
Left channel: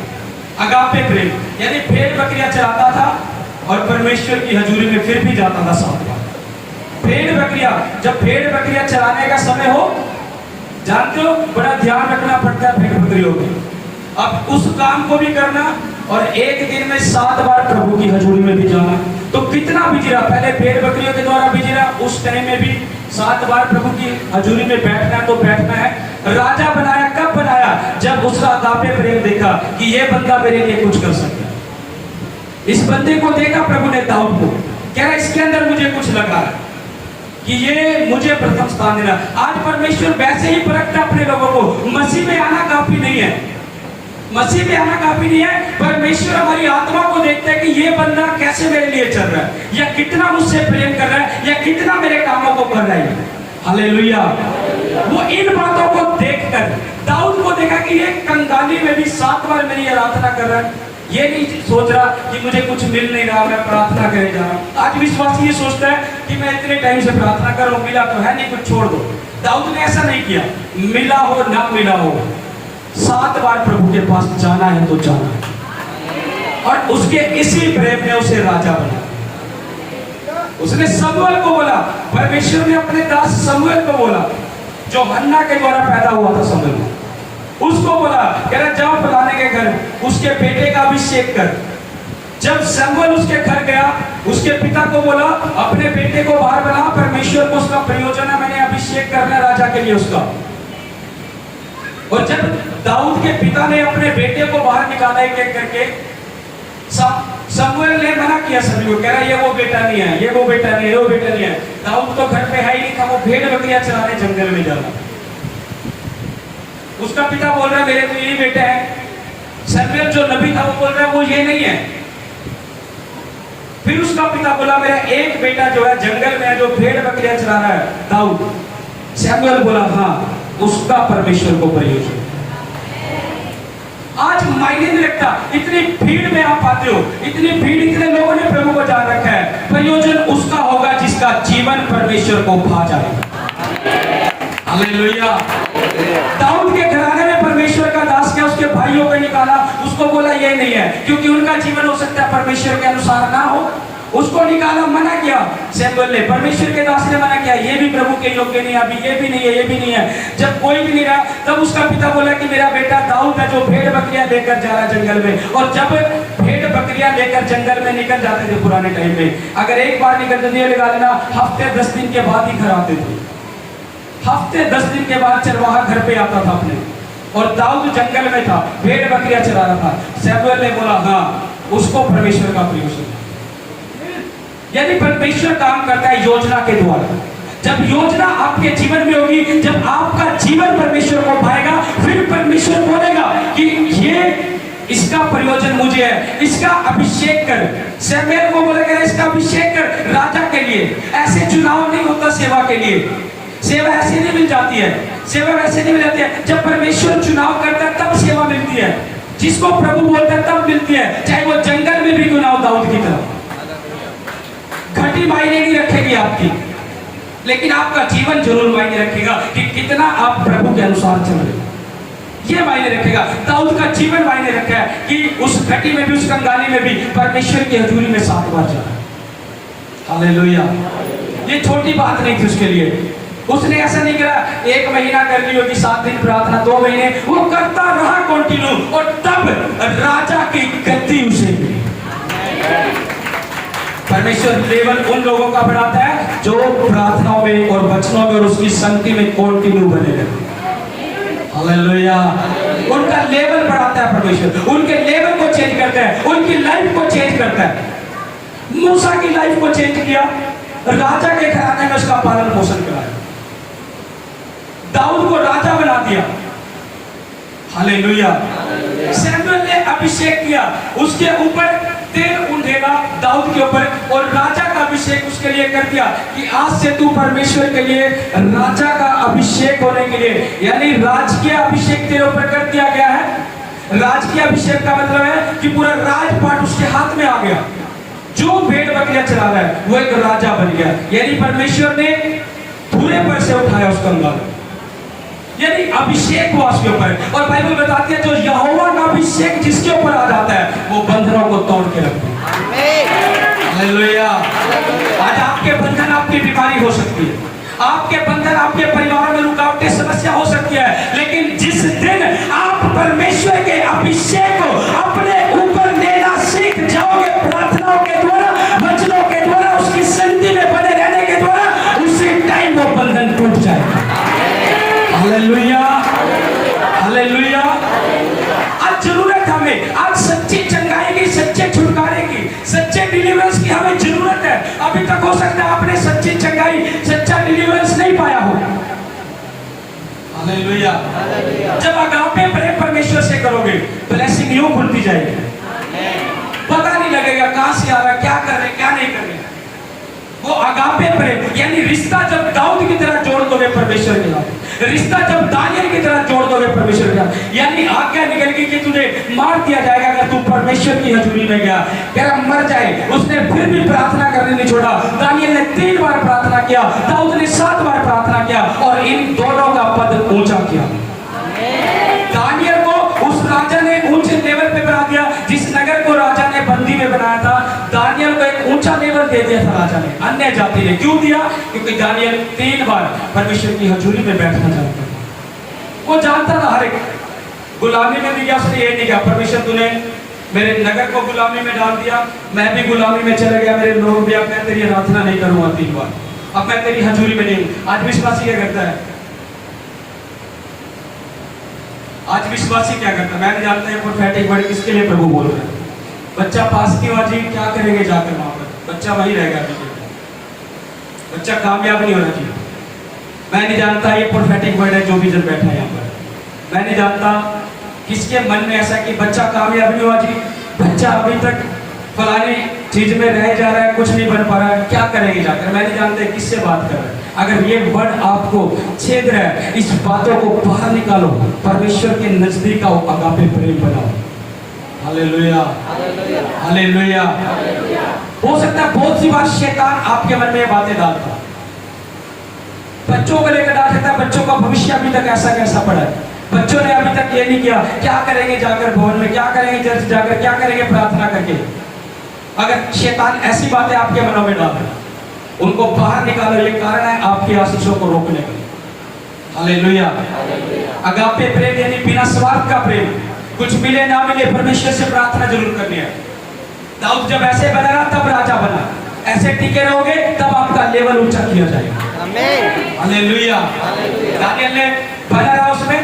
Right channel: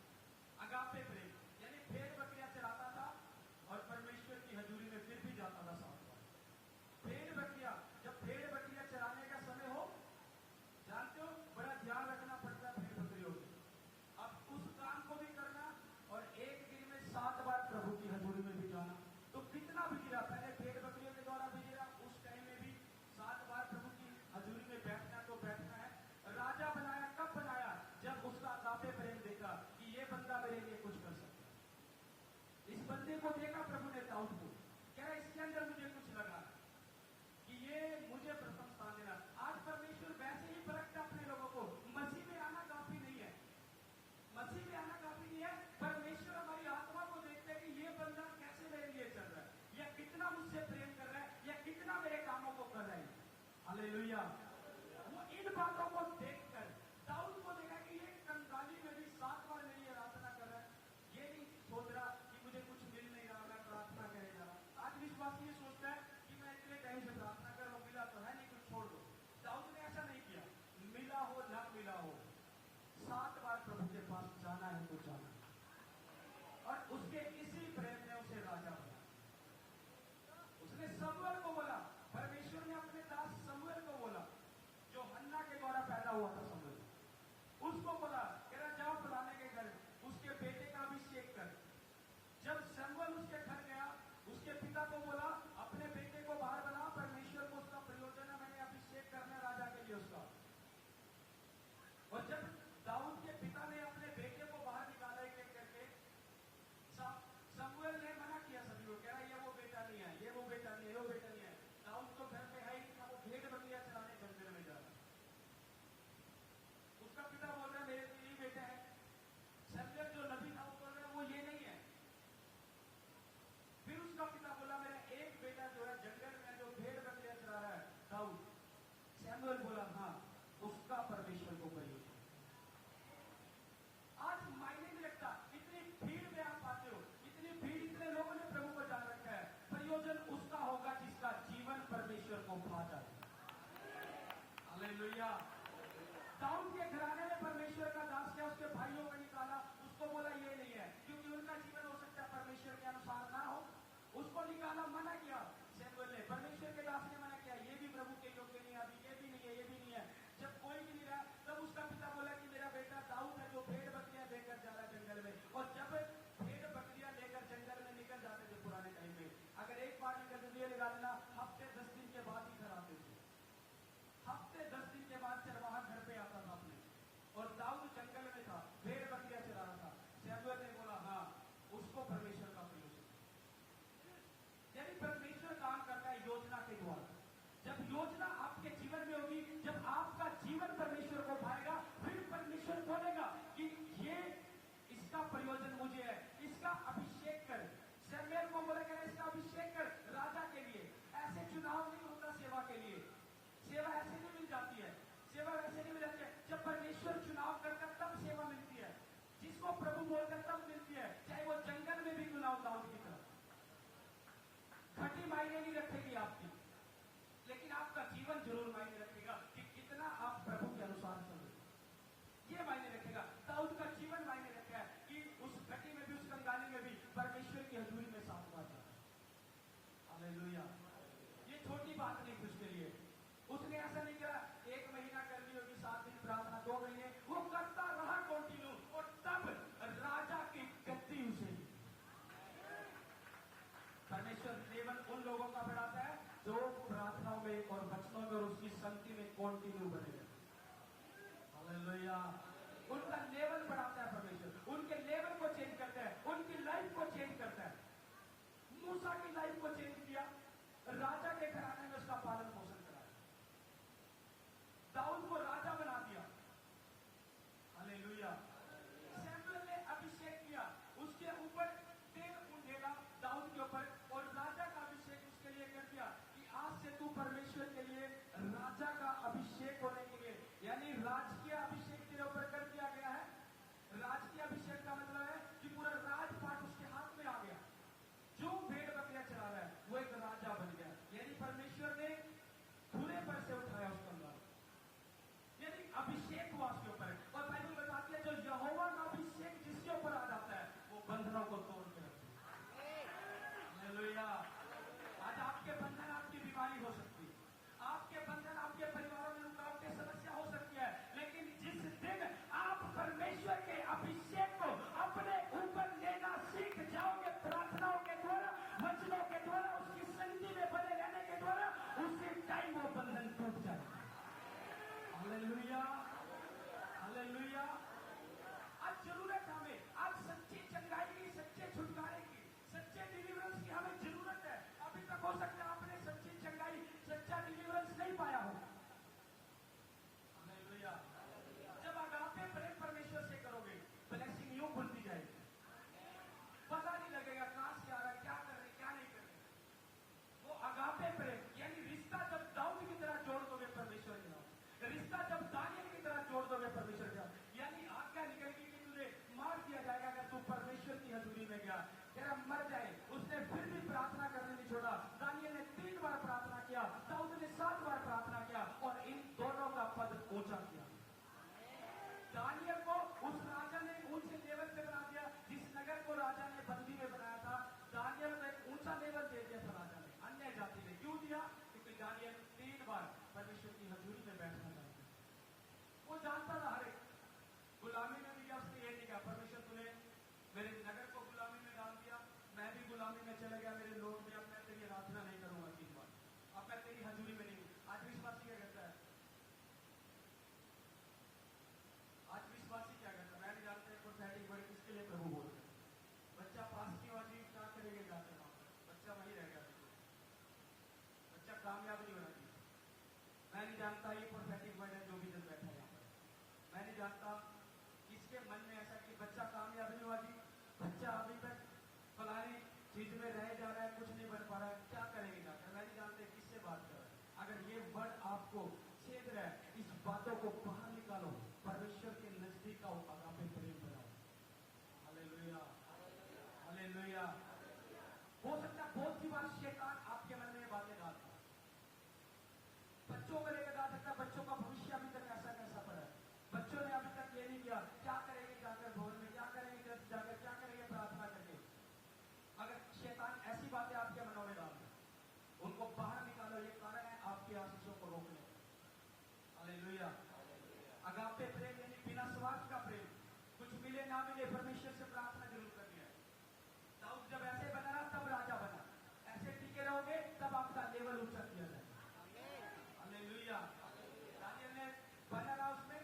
अगापे प्रेम, यानी भेड़ बकरियां चराता था और परमेश्वर की हजूरी में फिर भी जाता था 7 बार। भेड़ बकरियां, जब भेड़ बकरियां चराने का समय हो, जानते हो बड़ा ध्यान रखना पड़ता है भेड़ बकरियों में। अब उस काम को भी करना और एक दिन में 7 बार प्रभु की हजूरी में भी जाना, तो कितना बिजी रहा। पहले भेड़ बकरियों के द्वारा बिजी रहा, उस टाइम में भी 7 बार प्रभु की हजूरी में बैठना है तो बैठना है। राजा बनाया कब बनाया? जब उसका अगापे प्रेम देखा कि ये बंदा मेरे लिए कुछ कर सकता है। इस बंदे को देखा प्रभु ने, दाऊद को, क्या इसके अंदर मुझे कुछ लगा है कि ये मुझे प्रथम स्थान देना। आज परमेश्वर वैसे ही परखता अपने लोगों को। मसीह में आना काफी नहीं है, मसीह में आना काफी नहीं है। परमेश्वर हमारी आत्मा को देखता है कि ये बंदा कैसे मेरे लिए चल रहा है, या कितना मुझसे प्रेम कर रहा है, या कितना मेरे कामों को कर रहा है। हालेलुया। वो इन बातों को देखकर दाऊद को देखा कि ये कंगाली में भी 7 बार मेरी आराधना कर रहा है। ये नहीं सोच रहा कि मुझे कुछ मिल नहीं रहा, मैं प्रार्थना करे जा रहा हूं। आज विश्वासी ये सोचता है कि मैं इतने टाइम से प्रार्थना कर रहा हूं, मिला तो है नहीं, कुछ छोड़ दो। दाऊद ने ऐसा नहीं किया। मिला हो ना मिला हो, 7 बार प्रभु के पास जाना है तो जाना है। और उसके इसी प्रेम ने उसे राजा बनाया। उसने समूएल को बोला, परमेश्वर ने अपने दास समूएल को बोला, जो हन्ना के द्वारा पैदा हुआ था समूएल, उसको बोला, कह रहा जाओ फलाने के घर उसके बेटे का अभिषेक कर। जब समूएल उसके घर गया, उसके पिता को बोला अपने बेटे को बाहर बना, परमेश्वर को उसका प्रयोजन है, मैंने अभिषेक करना राजा के लिए उसका। और जब दाऊद के पिता ने अपने बेटे को बाहर निकाला एक एक करके, समूएल ने मना किया सभी को, कह रहा ये वो बेटा नहीं है, ये वो बेटा नहीं है, वो बेटा नहीं है। दाऊद तो घर पे है ही नहीं था, वो भेड़ बकरियां चराने जंगल में जा रहा। उसका पिता बोल रहा है मेरे तो यही बेटा है। समूएल जो नबी था वो बोल रहा है वो ये नहीं है। फिर उसका पिता बोला मेरा एक बेटा जो है जंगल में है, जो भेड़ बकरियां चरा रहा है, दाऊद। समूएल बोला हाँ, उसका परमेश्वर को प्रयोजन। आज मायने नहीं रखता, इतनी भीड़ में आप आते हो, इतनी भीड़, इतने लोगों ने प्रभु को जान रखा है, प्रयोजन उसका होगा जिसका जीवन परमेश्वर को भा जाएगा। हालेलुया। दाऊद के घराने में परमेश्वर का दास क्या उसके भाइयों को निकाला, उसको बोला ये नहीं है, क्योंकि उनका जीवन हो सकता है परमेश्वर के अनुसार ना हो, उसको निकाला, मना किया। सैमुएल ने, परमेश्वर के दास ने मना किया, ये भी प्रभु के योग्य नहीं है, अभी ये भी नहीं है, ये भी नहीं है। जब कोई भी नहीं रहा, तब उसका पिता बोला कि मेरा बेटा दाऊद है जो भेड़ बकरियां लेकर जा रहा जंगल में। और जब भेड़ बकरियां लेकर जंगल में निकल जाते थे पुराने टाइम में, अगर एक बार निकल जाते लगा लेना, हफ्ते 10 दिन के बाद ही घर आते थे। हफ्ते 10 दिन के बाद चरवाहा घर पे आता था अपने, और दाऊद जंगल में था, भेड़ बकरियां चरा रहा था। सैमुएल ने बोला हाँ, उसको परमेश्वर का प्रयोजन। यानी परमेश्वर काम करता है योजना के द्वारा। जब योजना आपके जीवन में होगी, जब आपका जीवन परमेश्वर को पाएगा, फिर परमेश्वर बोलेगा कि ये इसका प्रयोजन मुझे है, इसका अभिषेक कर। सैमुएल को बोलेगा इसका अभिषेक कर राजा के लिए। ऐसे चुनाव नहीं होता सेवा के लिए, सेवा ऐसे नहीं मिल जाती है, सेवा वैसे नहीं मिल जाती है। जब परमेश्वर चुनाव करता है तब सेवा मिलती है, जिसको प्रभु बोलता है तब मिलती है, चाहे वो जंगल में भी चुनाव दाऊद की तरह। घटी मायने नहीं रखेगी आपकी, लेकिन आपका जीवन जरूर मायने रखेगा कि कितना आप प्रभु के अनुसार चल रहे, ये मायने रखेगा। दाऊद का जीवन मायने रखा है कि उस घटी में भी, उस कंगाली में भी परमेश्वर की हजूरी में 7 बार जाना। हालेलुया। ये छोटी बात नहीं थी उसके लिए। उसने ऐसा नहीं करा 1 महीना कर ली होगी, 7 दिन प्रार्थना, 2 महीने, वो करता रहा कंटिन्यू, और तब राजा की गद्दी उसे मिली। परमेश्वर लेवल उन लोगों का बढ़ाता है जो प्रार्थनाओं में और वचनों में और उसकी संगति में कंटिन्यू बने रहते। हालेलुया। उनका लेवल बढ़ाता है परमेश्वर, उनके लेवल को चेंज करता है, उनकी लाइफ को चेंज करता है। मूसा की लाइफ को चेंज किया, राजा के घराने में उसका पालन पोषण कराया, दाऊद को राजा बना दिया। हालेलुया। सैमुएल ने अभिषेक किया, उसके ऊपर तेल उंडेला दाऊद के ऊपर, और राजा का अभिषेक उसके लिए कर दिया कि आज से तू परमेश्वर के लिए राजा का अभिषेक होने के लिए, यानी राजकीय अभिषेक तेरे ऊपर कर दिया गया है। राजकीय अभिषेक का मतलब है कि पूरा राजपाट उसके हाथ में आ गया। जो भेड़ बकरियां चला रहा है वो एक राजा बन गया, यानी परमेश्वर ने पूरे पर से उठाया उस कंगाल, यानी अभिषेक हुआ उसके ऊपर। और बाइबल बताती है जो यहोवा का अभिषेक जिसके ऊपर आ जाता है वो बंधनों को तोड़ के रखता है। हालेलुया। आज आपके बंधन, आपकी बीमारी हो सकती है, आपके बंधन, आपके परिवार में रुकावटें, समस्या हो सकती है, लेकिन जिस दिन आप परमेश्वर के अभिषेक को अपने ऊपर लेना सीख जाओगे, प्रार्थनाओं के द्वारा, वचनों के द्वारा, उसकी संगति में बने रहने के द्वारा, उसी टाइम वो बंधन टूट जाएगा। हालेलुया। हालेलुया। आज जरूरत हमें, आज सच्ची चंगाई की, सच्चे छुटकारे की, सच्चे डिलीवरेंस की हमें जरूरत है। अभी तक हो सकता है आपने सच्ची चंगाई, सच्चा डिलीवरेंस नहीं पाया हो। हालेलुया। जब अगापे प्रेम परमेश्वर से करोगे, ब्लेसिंग यूं खुलती जाएगी, पता नहीं लगेगा कहां से आ रहा है, क्या कर रहे, क्या नहीं कर रहे। वो अगापे प्रेम, यानी रिश्ता जब दाऊद की तरह जोड़ दोगे परमेश्वर के साथ, रिश्ता जब दानियल की तरह जोड़ दोगे परमेश्वर के साथ, यानी आज्ञा निकल गई कि तुझे मार दिया जाएगा अगर तू परमेश्वर की हजूरी में गया, तेरा मर जाए। उसने फिर भी प्रार्थना करने नहीं छोड़ा। दानियल ने 3 बार प्रार्थना किया, दाऊद ने 7 बार प्रार्थना किया, और इन दोनों का पद ऊंचा किया। दानियल को उस राजा ने ऊंचे लेवल पे बना दिया, जिस नगर को राजा ने बंदी में बनाया था, दानियल को एक ऊंचा लेवल दे दिया था राजा ने, अन्य जाति ने। क्यों दिया? क्योंकि दानियल 3 बार परमेश्वर की हजूरी में बैठना चाहता था। वो जानता था हर एक गुलामी में भी गया, उसने ये नहीं कहा परमेश्वर तूने मेरे नगर को गुलामी में डाल दिया, मैं भी गुलामी में चला गया, मेरे लोग भी, अब मैं तेरी आराधना नहीं करूंगा 3 बार, अब मैं तेरी हजूरी में नहीं। आज विश्वासी क्या करता है? आज विश्वासी क्या करता है? मैं नहीं जानता है प्रोफेटिक वर्ड किसके लिए प्रभु बोल रहा है। बच्चा पास नहीं हुआ जी, क्या करेंगे जाकर वहां पर, बच्चा वहीं रहेगा, बच्चा कामयाब नहीं होना चाहिए। मैं नहीं जानता ये प्रोफेटिक वर्ड है जो भी जन बैठा है यहाँ पर। मैं नहीं जानता किसके मन में ऐसा कि बच्चा कामयाब नहीं हुआ जी, बच्चा अभी तक फलानी चीज में रह जा रहा है, कुछ नहीं बन पा रहा है, क्या करेंगे जाकर। मैं नहीं जानता किससे बात कर रहा है। अगर ये वर्ड आपको छेद रहा है, इस बातों को बाहर निकालो, परमेश्वर के नजदीक आओ, अगापे प्रेम बनाओ। हालेलुया। हालेलुया। हो सकता है बहुत सी बार शैतान आपके मन में ये बातें डालता है, बच्चों को लेकर डाल सकता है, बच्चों का भविष्य अभी तक ऐसा कैसा पड़ा है, बच्चों ने अभी तक ये नहीं किया, क्या करेंगे जाकर भवन में, क्या करेंगे चर्च जाकर, क्या करेंगे प्रार्थना करके। अगर शैतान ऐसी बातें आपके मनों में डाले, उनको बाहर निकालो। ये कारण है आपकी आशीषों को रोकने का। हालेलुया। अगापे प्रेम यानी बिना स्वार्थ का प्रेम। कुछ मिले ना मिले परमेश्वर से प्रार्थना जरूर करनी है। दाऊद जब ऐसे बना रहा तब राजा बना, ऐसे टिके रहोगे तब आपका लेवल ऊंचा किया जाएगा। आमीन। हालेलुया। दानियल ने बना रहा उसमें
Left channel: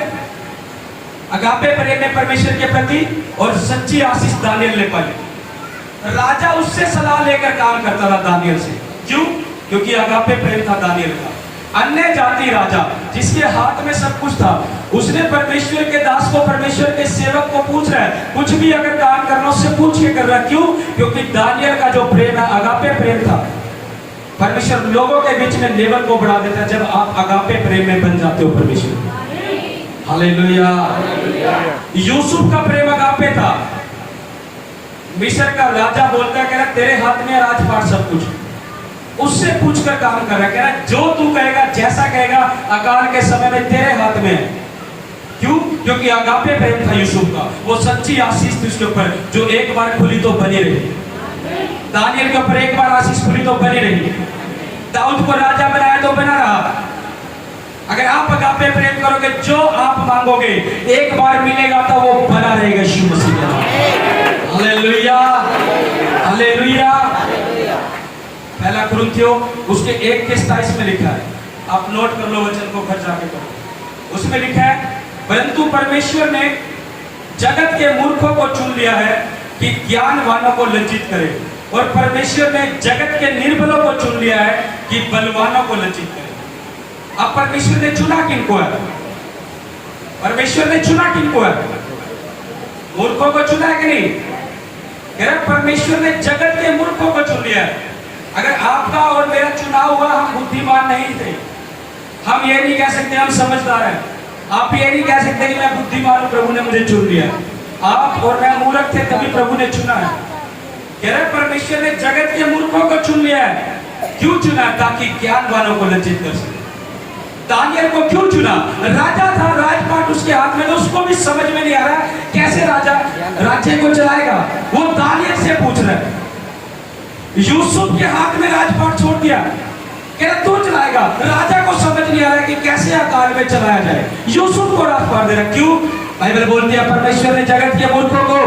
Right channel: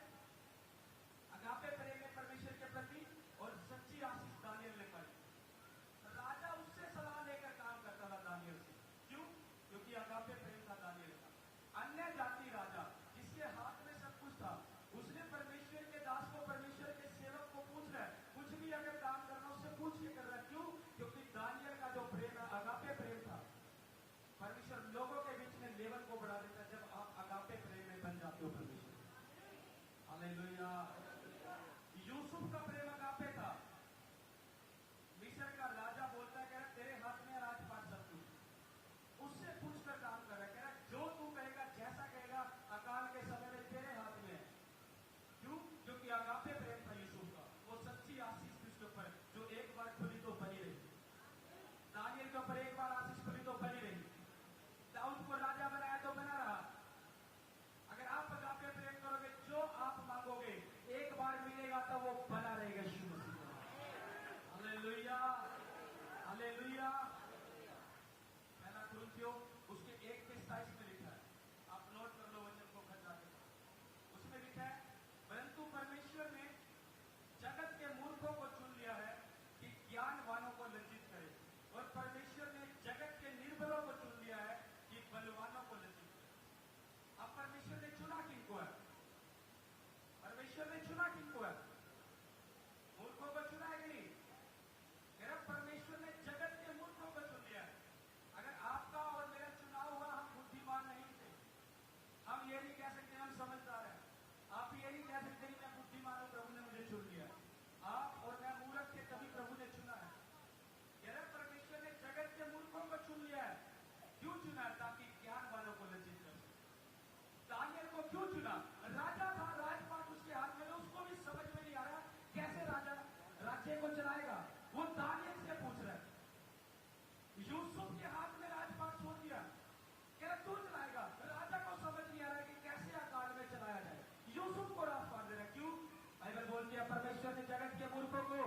अगापे प्रेम में परमेश्वर के प्रति, और सच्ची आशीष दानियल ने पाई। राजा उससे सलाह लेकर काम करता था दानियल से। क्यों? क्योंकि अगापे प्रेम था दानियल का। अन्य जाति राजा जिसके हाथ में सब कुछ था, उसने परमेश्वर के दास को, परमेश्वर के सेवक को पूछ रहा है, कुछ भी अगर काम करना उससे पूछ के कर रहा है। क्यों? क्योंकि दानियल का जो प्रेम है अगापे प्रेम था। परमेश्वर लोगों के बीच में लेवल को बढ़ा देता है जब आप अगापे प्रेम में बन जाते हो परमेश्वर। हालेलुया। यूसुफ का प्रेम अगापे था। मिस्र का राजा बोलता है, कह रहा तेरे हाथ में राजपाट सब कुछ, उससे पूछकर काम कर रहा है। कह रहा जो तू कहेगा, जैसा कहेगा, अकाल के समय में तेरे हाथ में है। क्यों? क्योंकि अगापे प्रेम था यूसुफ का। वो सच्ची आशीष थी उसके ऊपर, जो एक बार खुली तो बनी रही। दानियल के ऊपर एक बार आशीष खुली तो बनी रही। दाऊद को राजा बनाया तो बना रहा। अगर आप अगापे प्रेम करोगे, जो आप मांगोगे एक बार मिलेगा तो वो बना रहेगा। यीशु मसीह के नाम। हालेलुया। हालेलुया। पहला कुरिन्थियों उसके 1:27 में लिखा है, आप नोट कर लो, वचन को घर जाके पढ़ो। उसमें लिखा है, परंतु परमेश्वर ने जगत के मूर्खों को चुन लिया है कि ज्ञानवानों को लज्जित करे, और परमेश्वर ने जगत के निर्बलों को चुन लिया है कि बलवानों को लज्जित करे। अब परमेश्वर ने चुना किनको है? परमेश्वर ने चुना किनको है? मूर्खों को चुना है कि नहीं? परमेश्वर ने जगत के मूर्खों को चुन लिया है। अगर आपका और मेरा चुनाव हुआ, हम बुद्धिमान नहीं थे। हम ये नहीं कह सकते हम समझदार हैं। आप ये नहीं कह सकते कि मैं बुद्धिमान हूं, प्रभु ने मुझे चुन लिया। आप और मैं मूर्ख थे, तभी प्रभु ने चुना है। कह रहे परमेश्वर ने जगत के मूर्खों को चुन लिया है। क्यों चुना? ताकि ज्ञानवानों को लज्जित कर सके। दानियल को क्यों चुना? राजा था, राजपाट उसके हाथ में, तो उसको भी समझ में नहीं आ रहा कैसे राजा राज्य को चलाएगा। वो दानियल से पूछ रहा है। यूसुफ के हाथ में राजपाट छोड़ दिया, क्या तू चलाएगा? राजा को समझ नहीं आ रहा कि कैसे अकाल में चलाया जाए। यूसुफ को राजपाट दे रहा। क्यों? बाइबल बोलती है परमेश्वर ने जगत के मूर्खों को,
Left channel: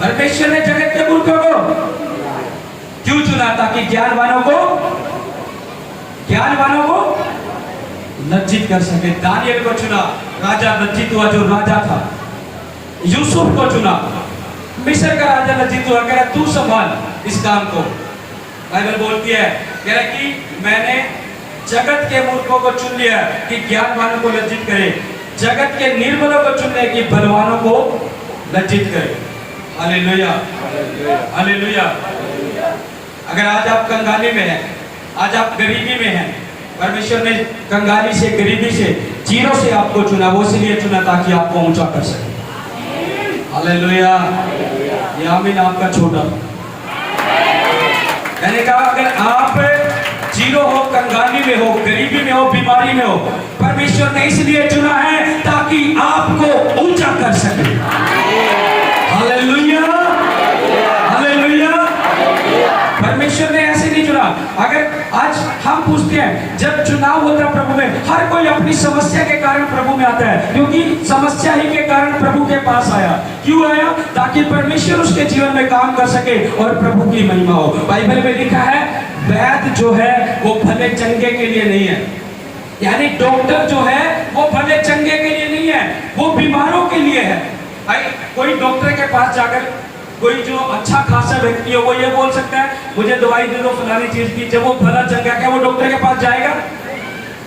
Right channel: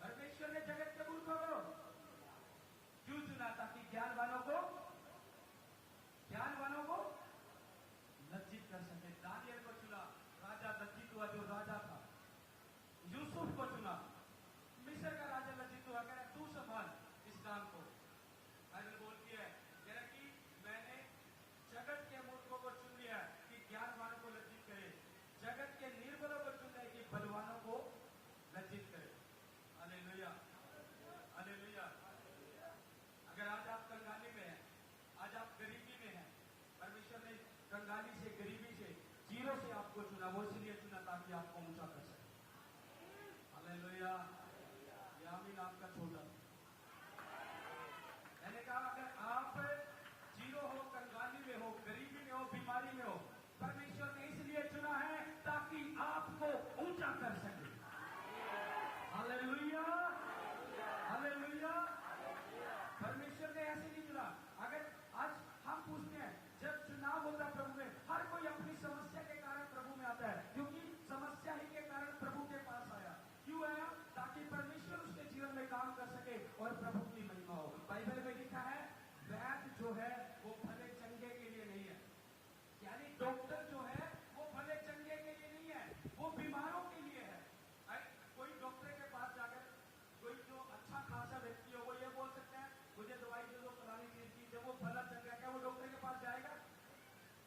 परमेश्वर ने जगत के मूर्खों को क्यों चुना? ताकि ज्ञानवानों को लज्जित कर सके। दानियल को चुना, राजा लज्जित हुआ जो राजा था। यूसुफ को चुना, मिस्र का राजा लज्जित हुआ, कह रहा तू संभाल इस काम को। बाइबल बोलती है, कह रहा कि मैंने जगत के मूर्खों को चुन लिया कि ज्ञानवानों को लज्जित करे, जगत के निर्बलों को चुन लिया कि बलवानों को लज्जित करे। हालेलुया। हालेलुया। अगर आज आप कंगाली में हैं, आज आप गरीबी में हैं, परमेश्वर ने कंगाली से, गरीबी से, जीरो से आपको चुना। वो इसलिए चुना ताकि आपको ऊंचा कर सके। हालेलुया। ये आमीन आपका छोटा। मैंने कहा अगर आप जीरो हो, कंगाली में हो, गरीबी में हो, बीमारी में हो, परमेश्वर ने इसलिए चुना है ताकि आपको ऊंचा कर सके। हालेलुया। हालेलुया। परमेश्वर ने ऐसे नहीं चुना। अगर आज हम पूछते हैं, जब चुनाव होता है प्रभु में, हर कोई अपनी समस्या के कारण प्रभु में आता है, क्योंकि समस्या ही के कारण प्रभु के पास आया। क्यों आया? ताकि परमेश्वर उसके जीवन में काम कर सके और प्रभु की महिमा हो। बाइबल में लिखा है, वैद्य जो है वो भले चंगे के लिए नहीं है, यानी डॉक्टर जो है वो भले चंगे के लिए नहीं है, वो बीमारों के लिए है। कोई डॉक्टर के पास जाकर, कोई जो अच्छा खासा व्यक्ति हो, वो ये बोल सकता है मुझे दवाई दे दो फलानी चीज की। जब वो भला चंगा, क्या वो डॉक्टर के पास जाएगा?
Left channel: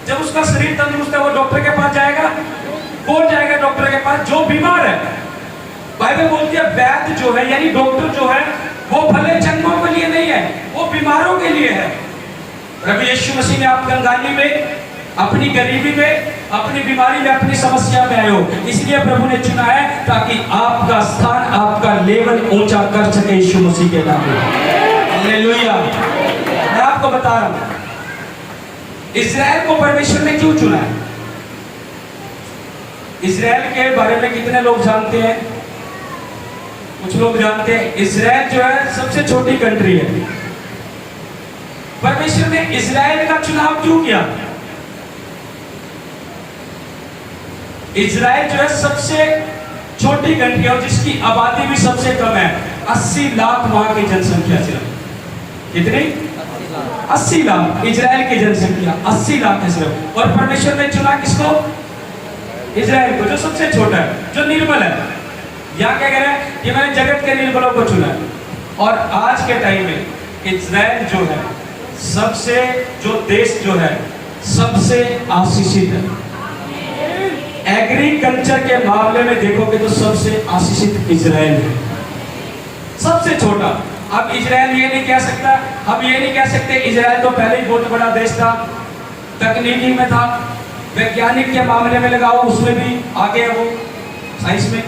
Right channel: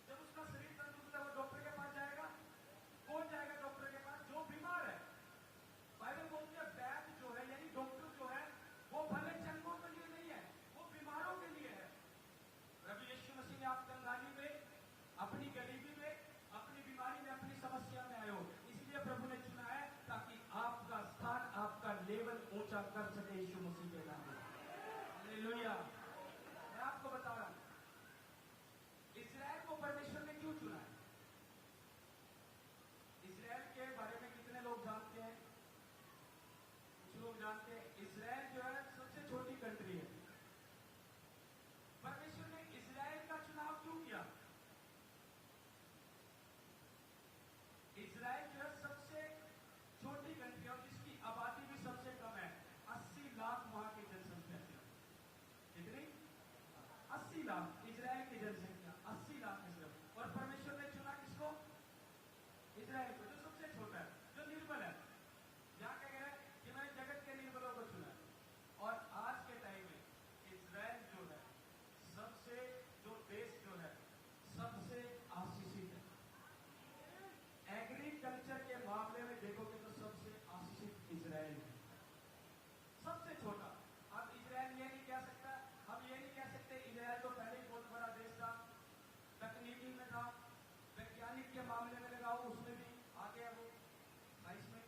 जब उसका शरीर तंदुरुस्त है, वो डॉक्टर के पास जाएगा? कौन जाएगा डॉक्टर के पास? जो बीमार है। बाइबल बोलती है वैद्य जो है, यानी डॉक्टर जो है, वो भले चंगों के लिए नहीं है, वो बीमारों के लिए है। प्रभु यीशु मसीह ने आप कंगाली में, अपनी गरीबी में, अपनी बीमारी में, अपनी समस्या में आए हो, इसलिए प्रभु ने चुना है ताकि आपका स्थान, आपका लेवल ऊंचा कर सके यीशु मसीह के नाम में। हालेलुया। मैं आपको बता रहा हूं, इस्राएल को परमेश्वर ने क्यों चुना है? इजराइल के बारे में कितने लोग जानते हैं? कुछ लोग जानते हैं। इजराइल जो है सबसे छोटी कंट्री है। परमेश्वर ने इजराइल का चुनाव क्यों किया? इजराइल जो है सबसे छोटी कंट्री और जिसकी आबादी भी सबसे कम है। 80 लाख वहां की जनसंख्या सिर्फ। कितनी? 80 लाख इजराइल की जनसंख्या 80 लाख है सिर्फ। और परमेश्वर ने चुना किसको? इजराइल को, जो सबसे छोटा है, जो निर्बल है। यहाँ क्या कह रहे हैं कि मैंने जगत के निर्बलों को चुना है। और आज के टाइम में इजराइल जो है सबसे, जो देश जो है सबसे आशीषित है। एग्रीकल्चर के मामले में देखोगे तो सबसे आशीषित इजराइल है, सबसे छोटा। अब इजराइल ये नहीं कह सकता, हम ये नहीं कह सकते इजराइल तो पहले ही बहुत बड़ा देश था, तकनीकी में था, वैज्ञानिक के मामले में लगाओ उसमें भी आगे है वो, साइंस में।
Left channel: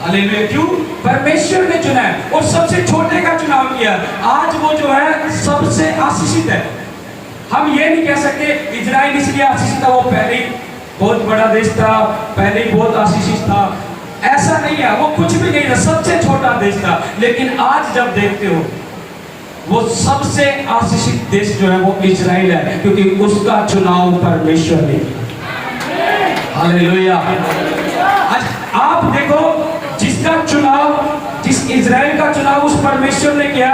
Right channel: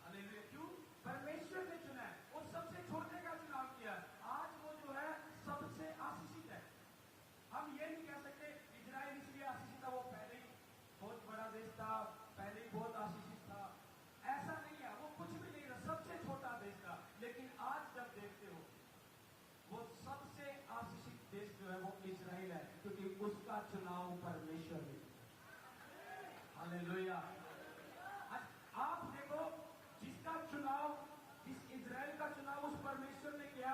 हालेलुया। क्यों? परमेश्वर ने चुना है और सबसे छोटे का चुनाव किया। आज वो जो है सबसे आशीषित है। हम ये नहीं कह सकते इजराइल इसलिए आशीषित था, वो पहले ही बहुत बड़ा देश था, पहले ही बहुत आशीषित था। ऐसा नहीं है, वो कुछ भी नहीं था, सबसे छोटा देश था। लेकिन आज जब देखते हो वो सबसे आशीषित देश जो है वो इजराइल है, क्योंकि उसका चुनाव परमेश्वर ने किया। हालेलुया। आज आप देखो जिसका चुनाव, जिस इजराइल का चुनाव उस परमेश्वर ने किया,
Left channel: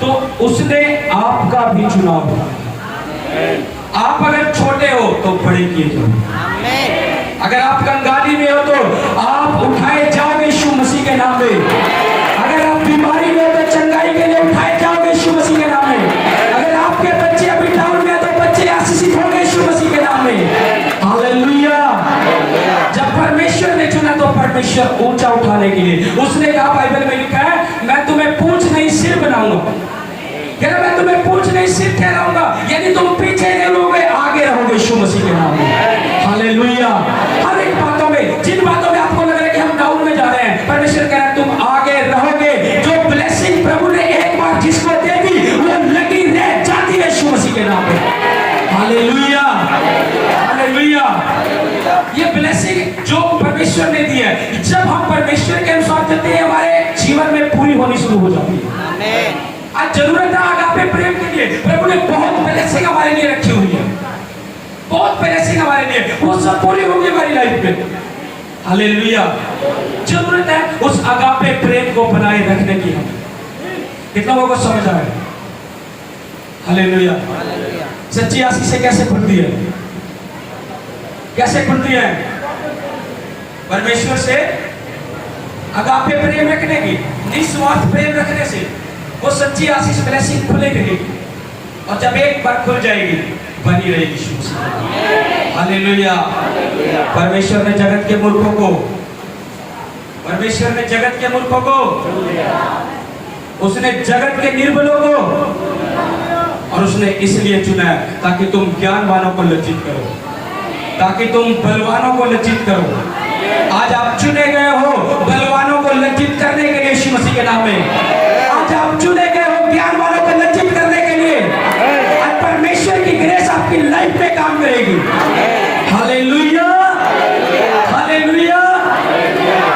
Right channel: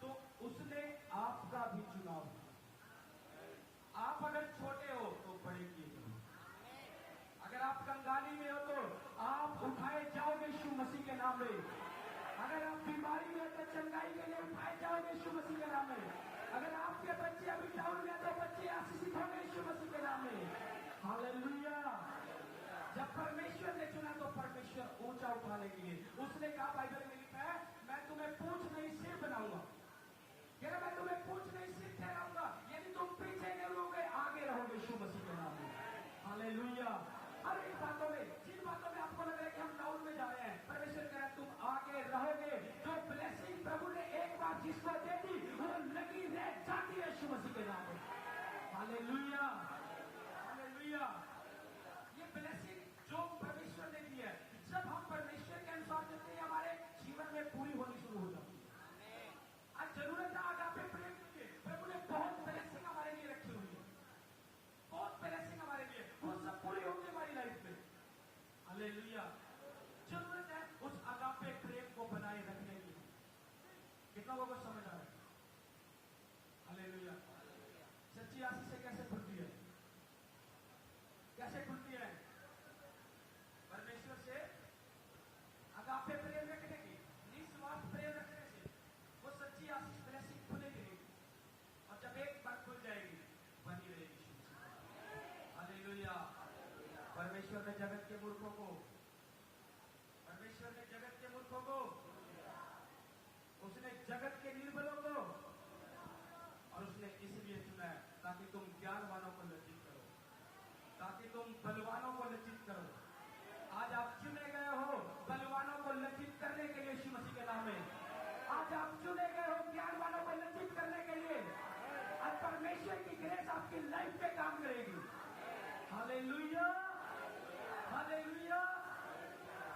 तो उसने आपका भी चुनाव किया। आप अगर छोटे हो तो बड़े किए जाओ। अगर आप कंगाली में हो तो आप उठाए जाओगे यीशु मसीह के नाम में। अगर आप बीमारी में हो तो चंगाई के लिए उठाए जाओगे यीशु मसीह के नाम में। अगर आपके बच्चे अभी डाउन में तो बच्चे आशीषित होंगे यीशु मसीह के नाम में। हालेलुया। जब परमेश्वर ने चुना तो परमेश्वर ऊंचा उठाने के लिए, उसने कहा, बाइबल में लिखा है, मैं तुम्हें पूंछ नहीं सिर बनाऊंगा। क्या? मैं तुम्हें पूंछ नहीं सिर ठहराऊंगा, यानी तुम पीछे नहीं रहोगे, आगे रहोगे यीशु मसीह के नाम में। हालेलुया। हर एक बातों में, जिन बातों में आपको लग रहा है कि हम डाउन में जा रहे हैं, परमेश्वर कह रहा है तुम आगे रहोगे। जो ब्लेसिंग प्रभु ने एक बार जिसको दे दी वो लगी रह जाती है यीशु मसीह के नाम में। हालेलुया। हालेलुया। ये ब्लेसिंग जो परमेश्वर ने दी है, जब हम परमेश्वर के अनुसार चलते हैं, हमारे जीवन में पूरी होनी शुरू हो जाती है। आज जरूरत है आगापे प्रेम के लिए। प्रभु ने बहुत ब्लेसिंग हमारे लिए रखी हुई है, बहुत ब्लेसिंग हमारे लिए, वो सब पूरी होगी हमारी लाइफ में। हालेलुया। जरूरत है उस आगापे प्रेम को बनाए रखने की। हम कितना लोगों को समझ आ रहा है? हालेलुया। सच्ची आशीष से कैसे खुलती है? कैसे खुलती है? परमेश्वर से आगापे प्रेम रखने की, निस्वार्थ प्रेम रखने से वो सच्ची आशीष ब्लेसिंग खुलेगी। और जब एक बार खुल जाएगी बनी रहेगी। हालेलुया। परमेश्वर ने जगत के मूर्खों को, परमेश्वर ने जगत के मूर्खों को, उसने जगत के निर्बलों को, और उसने इसलिए चुना है ताकि तुम ज्ञानवानों को लज्जित करो, ताकि तुम बलवानों को लज्जित करो। आज आप चुने गए हो बलवानों को लज्जित करने के लिए यीशु मसीह के नाम में। आज आप चुने गए हो ज्ञानवानों को लज्जित करने के लिए। आज परमेश्वर की ग्रेस आपकी लाइफ में काम करेगी। हालेलुया। हालेलुया।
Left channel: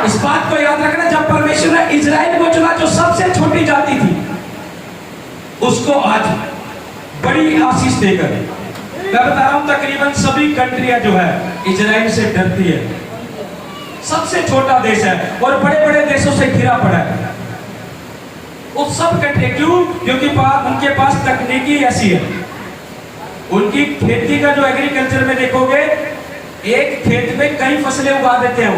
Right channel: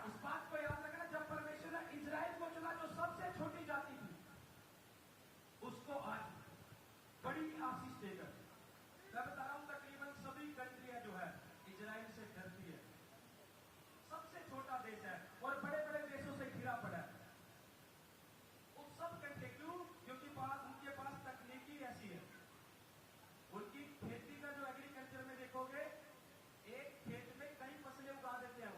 इस बात को याद रखना, जब परमेश्वर ने इजराइल को चुना जो सबसे छोटी जाति थी, उसको आज बड़ी आशीष देकर, मैं बता रहा हूं तकरीबन सभी कंट्रियां जो है इजराइल से डरती है। सबसे छोटा देश है और बड़े बड़े देशों से घिरा पड़ा है। उस सब कंट्री, क्यों? क्योंकि उनके पास तकनीकी ऐसी है। उनकी खेती का जो एग्रीकल्चर में देखोगे, एक खेत में कई फसलें उगा देते हैं।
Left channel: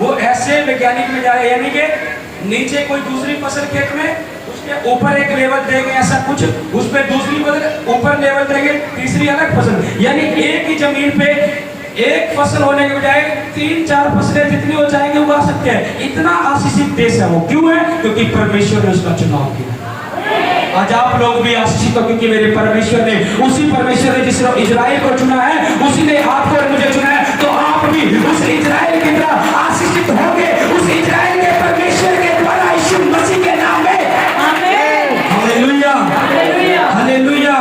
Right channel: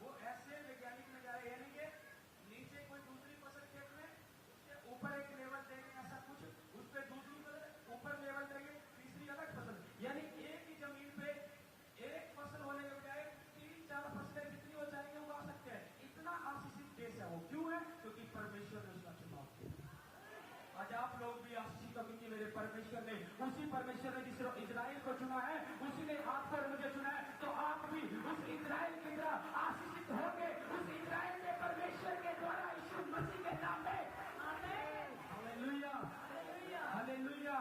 वो ऐसे वैज्ञानिक में जा रहे हैं, यानी कि नीचे कोई दूसरी फसल खेत में, उसके ऊपर एक लेवल देंगे ऐसा कुछ, उसमें दूसरी फसल ऊपर लेवल देंगे, तीसरी अलग फसल, यानी एक ही जमीन पे एक फसल होने के बजाय 3-4 फसलें जितनी हो जाएंगे उगा सकते हैं। इतना आशीषित देश है वो। क्यों है? क्योंकि परमेश्वर ने उसका चुनाव किया। आज आप लोग भी आशीषित हो, क्योंकि मेरे परमेश्वर ने, उसी परमेश्वर ने जिसने इजराइल को चुना है, उसी ने आपको और मुझे चुना है। तो आप भी उस इजराइल की तरह आशीषित होंगे, उस इजराइल के परमेश्वर के द्वारा, यीशु मसीह के नाम में। आमीन। हालेलुया। हालेलुया।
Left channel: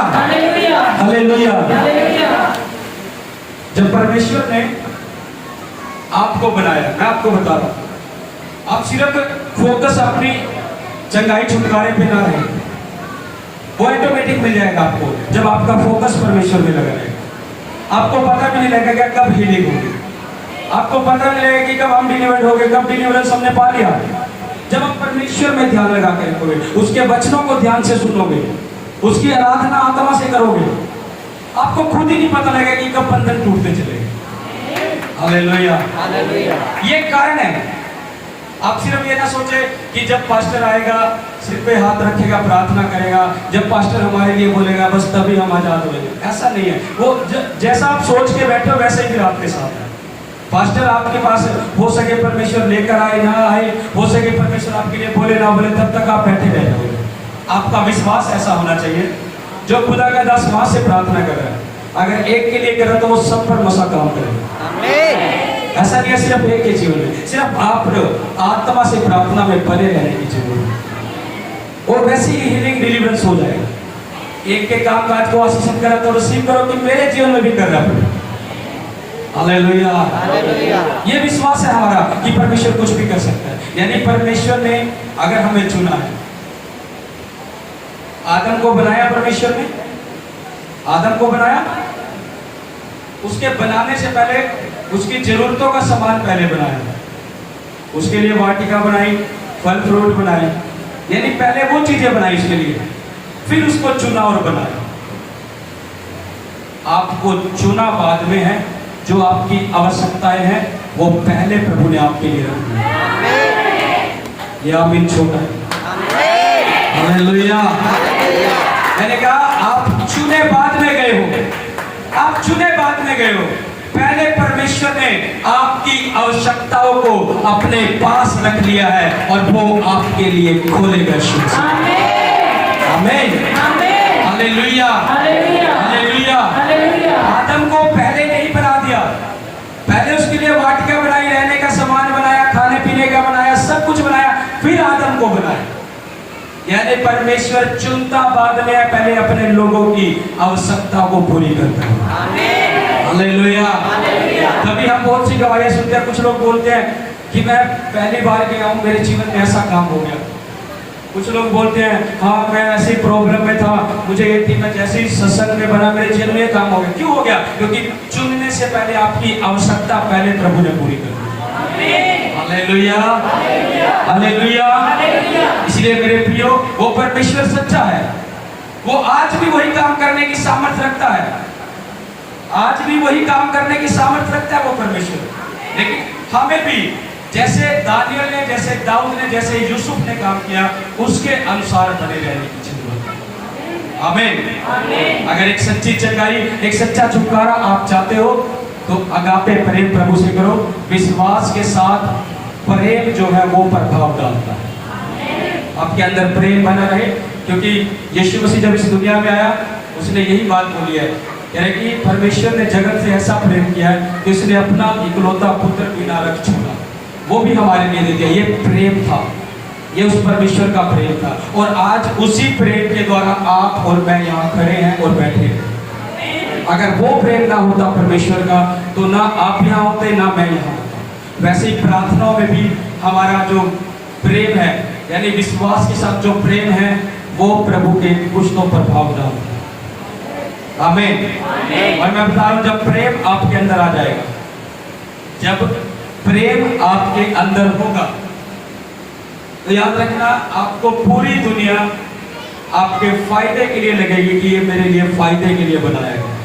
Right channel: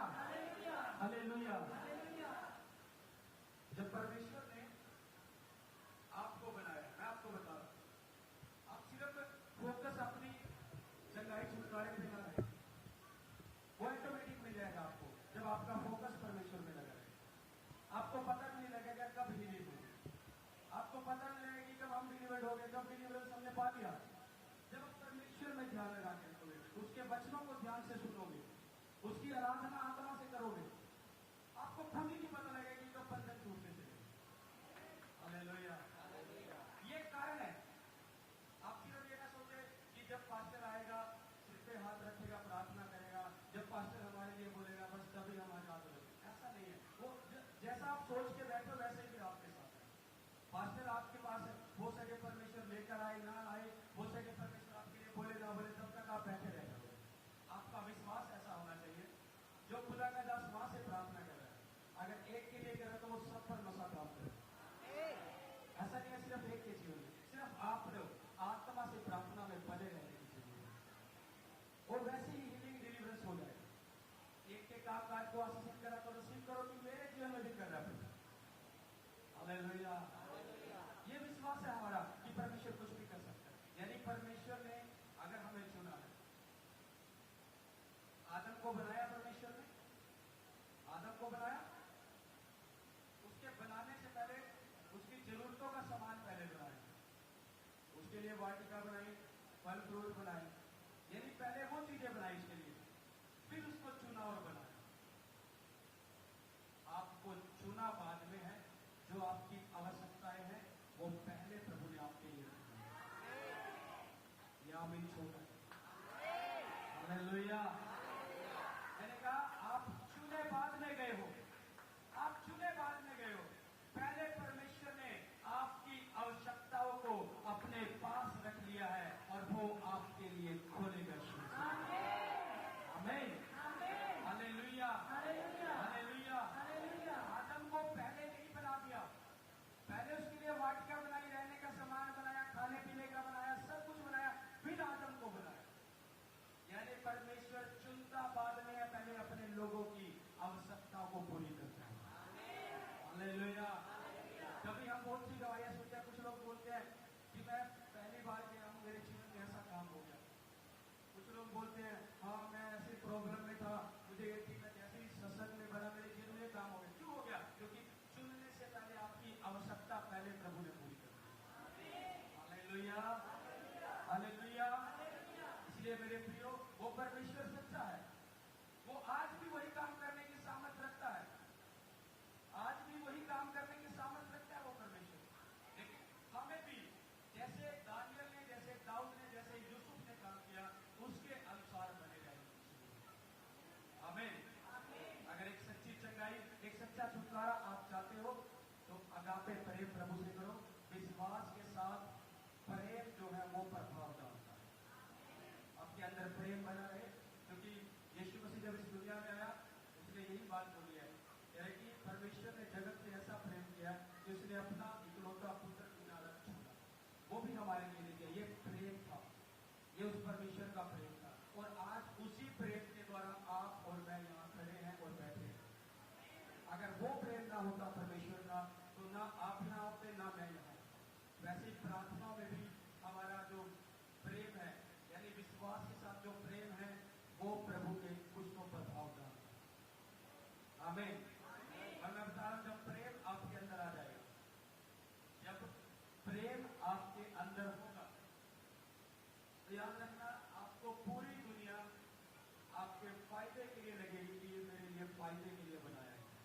हालेलुया। जब परमेश्वर ने आपको बनाया, मैं आपको बता रहा हूँ। आप सिर्फ फोकस अपनी चंगाई छुटकारे पे ना रहे, वो ऑटोमेटिक मिल जाएगा आपको जब आपका फोकस परमेश्वर में लगा रहेगा। आपको पता भी नहीं लगेगा कब हीलिंग होगी, आपको पता नहीं लगेगा कि कब हम डिलीवर्ड हो गए, कब डिलीवरेंस हमने पा लिया। जब आप परमेश्वर में ध्यान लगा के रखोगे, उसके वचनों को ध्यान से सुनोगे, उसकी आराधना आत्मा से करोगे, आपको खुद ही नहीं पता लगेगा कि कब बंधन टूटते चले। हालेलुया, ये कारण है। आप सिर्फ ये ना सोचे कि जब पास्टर आएगा सिर पे हाथ रखेगा प्रार्थना करेगा, जब पास्टर हमारे लिए बोलेगा बस तभी हम आजाद हो जाएंगे, ऐसा नहीं है। वो जैसा आप सोच के बैठे हो वैसे ही फिर आपके साथ है। पास्टर आपके पास हो सके परमेश्वर लेकर आए ना आए, हो सके परमेश्वर आपके लिए बोले ना बोले, तब तक आप बैठे रह जाओगे। आपका विश्वास ऐसा होना चाहिए जो खुदा का दास वहां से प्रार्थना कर रहा है, अगर एक के लिए कर रहा है तो वो सब पर मसा काम करेगा। ऐसा नहीं है सिर्फ एक के जीवन में, सिर्फ आप आत्मा से प्रार्थना में बने रहने की जरूरत है, और वैसे ही हीलिंग डिलीवरेंस हो जाएगा। एक के काम काज को आशीषित करा तो रिसीव करो कि मेरे जीवन में भी कर रहा है। हालेलुया, ये विश्वास है हमारा कि परमेश्वर कुछ भी कर सकता है। यानी परमेश्वर ने अगर हमें चुना है, आदम को बनाया परमेश्वर ने, आदम को बनाया, उसके बनाने से पहले उसकी जरूरतों का सामान पहले बनाया, उसके लिए वाटिका बनाई, फल फ्रूट बनाए, यानी पहले वो चीजें बनाई उसके लिए, फिर उसको चुना और बनाया। आपको चुना बाद में है, जो आपकी आवश्यकताएं हैं वो पहले प्रभु ने आपके लिए रखी है। ये आमीन छोटा है। हालेलुया। मैंने कहा आप चुने बाद में गए हो, आप चुने बाद में गए हो, पहले परमेश्वर ने आपकी आवश्यकताओं को अपने पास रख लिया है और वो आपके लिए खोलेगा। आमीन, हालेलुया, हालेलुया। आदम को पहले नहीं बना दिया, पहले उसके लिए वाटिका बनाई, रहने का सामान बनाया, खाने पीने का बनाया, सब कुछ बनाया, फिर आदम को बनाया। यानी परमेश्वर चुनता बाद में है, पहले अपने लोगों की आवश्यकता को पूरी करता है। हालेलुया। तभी हम बहुत सी गवाहियां सुनते हैं, कुछ लोग बोलते हैं कि मैं पहली बार गया हूं, मेरे जीवन में ऐसा काम हो गया। कुछ लोग बोलते हैं हाँ मैं ऐसी प्रॉब्लम में था, मुझे ये थी, मैं जैसे ही सत्संग में बना मेरे जीवन में ये काम हो गया। क्यों हो गया? क्योंकि चुनने से पहले आपकी आवश्यकता पहले प्रभु ने पूरी कर दी। Hallelujah, hallelujah. इसलिए मेरे प्रियो, वो परमेश्वर सच्चा है, वो आज भी वही काम करने की सामर्थ्य रखता है, आज भी वही काम करने की सामर्थ्य रखता है वो परमेश्वर। लेकिन हमें भी जैसे दानियल ने, जैसे दाऊद ने, जैसे यूसुफ ने काम किया, उसके अनुसार बने रहने की जरूरत है। आमीन। अगर एक सच्ची चंगाई, एक सच्चा छुटकारा आप चाहते हो तो अगापे प्रेम प्रभु से करो। विश्वास के साथ प्रेम जो है वो प्रभाव डालता है, आपके अंदर प्रेम बना रहे। क्योंकि यीशु मसीह जब इस दुनिया में आया, उसने यही बात बोली है, यानी कि परमेश्वर ने जगत से ऐसा प्रेम किया है कि उसने अपना इकलौता पुत्र बिना रख छोड़ा, वो भी हमारे लिए दे दिया। ये प्रेम था, ये उस परमेश्वर का प्रेम था, और आज उसी प्रेम के द्वारा आप और मैं यहाँ खड़े हैं और बैठे हैं। अगर वो प्रेम ना होता परमेश्वर का, तो ना आप यहाँ होते, ना मैं यहाँ होता। वैसे ही प्रार्थनाओं में भी हमारा जो प्रेम है, यानी विश्वास के साथ जो प्रेम है, वो प्रभु के कुछ तो प्रभाव डालता है। आमीन। और मैं बता रहा हूं, जब प्रेम आपके अंदर आ जाएगा, जब प्रेम आपके अंदर होगा, तो याद रखना आपको पूरी दुनिया आपके फायदे के लिए लगेगी कि ये मेरे लिए फायदे के लिए बनाया गया।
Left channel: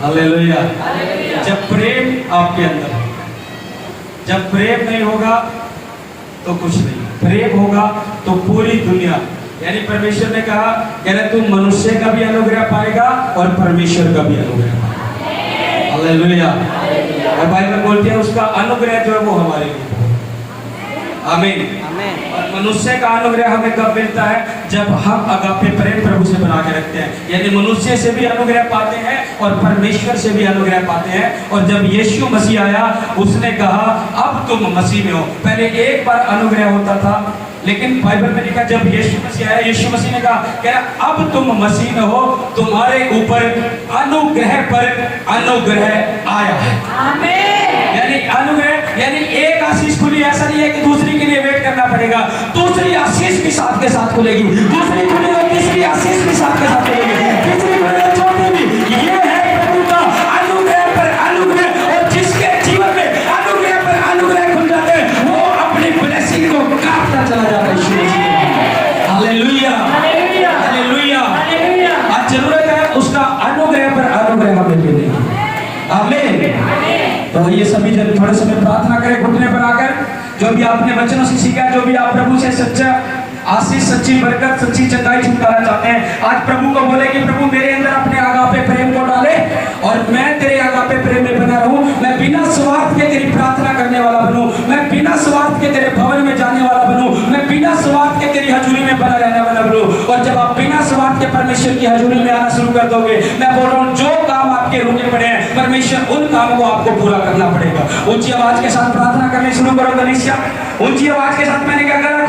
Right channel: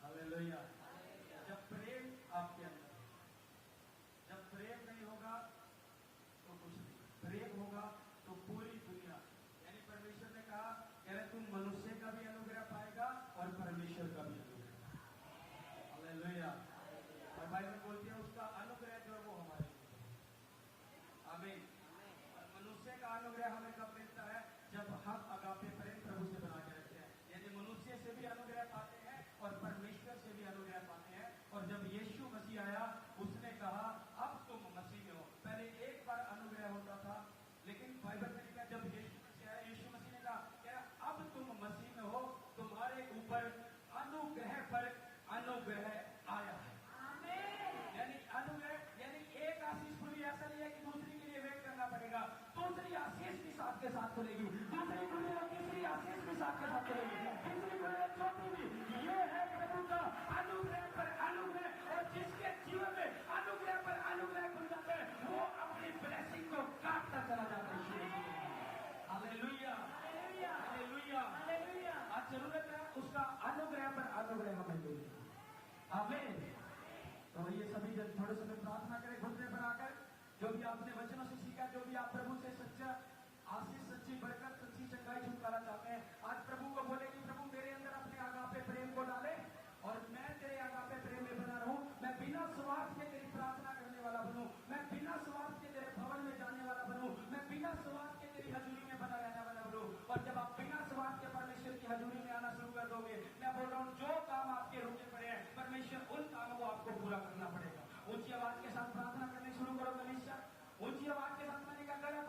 हालेलुया। जब प्रेम आपके अंदर है, जब प्रेम नहीं होगा तो कुछ नहीं, प्रेम होगा तो पूरी दुनिया, यानी परमेश्वर ने कहा यानी तुम मनुष्य का भी अनुग्रह पाएगा और परमेश्वर का भी अनुग्रह पाएगा। हालेलुया। और बाइबल बोलती है उसका अनुग्रह जो है वो हमारे लिए। आमीन। और मनुष्य का अनुग्रह हमें कब मिलता है? जब हम अगापे प्रेम प्रभु से बना के रखते हैं, यानी मनुष्य से भी अनुग्रह पाते हैं और परमेश्वर से भी अनुग्रह पाते हैं। और जब यीशु मसीह आया, उसने कहा अब तुम मसीह में हो। पहले एक बार अनुग्रह होता था, लेकिन बाइबल में लिखा जब यीशु मसीह आया, यीशु मसीह ने कहा अब तुम मसीह में हो, तुम्हारे ऊपर अनुग्रह पर अनुग्रह आया है। आमीन। यानी अनुग्रह यानी एक आशीष खुली, ऐसा नहीं है कि दूसरी के लिए वेट करना पड़ेगा, दूसरी आशीष भी साथ के साथ खुलेगी, दूसरी खुली और तीसरी आशीष भी साथ के साथ खुलेगी, तीसरी खुली और चौथी भी। ये है प्रभु का अनुग्रह पर अनुग्रह, और जिसके जीवन में अनुग्रह पर अनुग्रह खुल जाते हैं वो अपनी ब्लेसिंग को काटता चला जाता है। यीशु मसीह हालेलुया हालेलुया। आज जरूरत है उसका अनुग्रह पर अनुग्रह हमें मिले। आमीन। तो ये सभी जन थोड़े समय प्रार्थना करें घुटने पर आकर, जो भी आपने वचनों से सीखा, जो भी आप प्रभु से सच्चा आशीष, सच्ची बरकत, सच्ची चंगाई छुटकारा चाहते हैं, आज प्रभु को बोले कि प्रभु मेरे अंदर अपने आगापे प्रेम को डाले और मैं तेरे आगापे प्रेम में बना रहूं, मैं बिना स्वार्थ के तेरी प्रार्थना करने वाला बनूं, मैं बिना स्वार्थ के तेरे भवन में जाने वाला बनूं, मैं बिना स्वार्थ के तेरी हजूरी में बना रहने वाला बनूं। और जब आप बिना स्वार्थ के परमेश्वर की हजूरी में आना शुरू कर दोगे, मैं बोल रहा हूं जो काम आपके रुके पड़े हैं, परमेश्वर उन कामों को आपको पूरा करना पड़ेगा। ऊंची आवाज के साथ प्रार्थना करने शुरू करो कलीसिया, ऊंची आवाज के साथ मैंने क्या कहा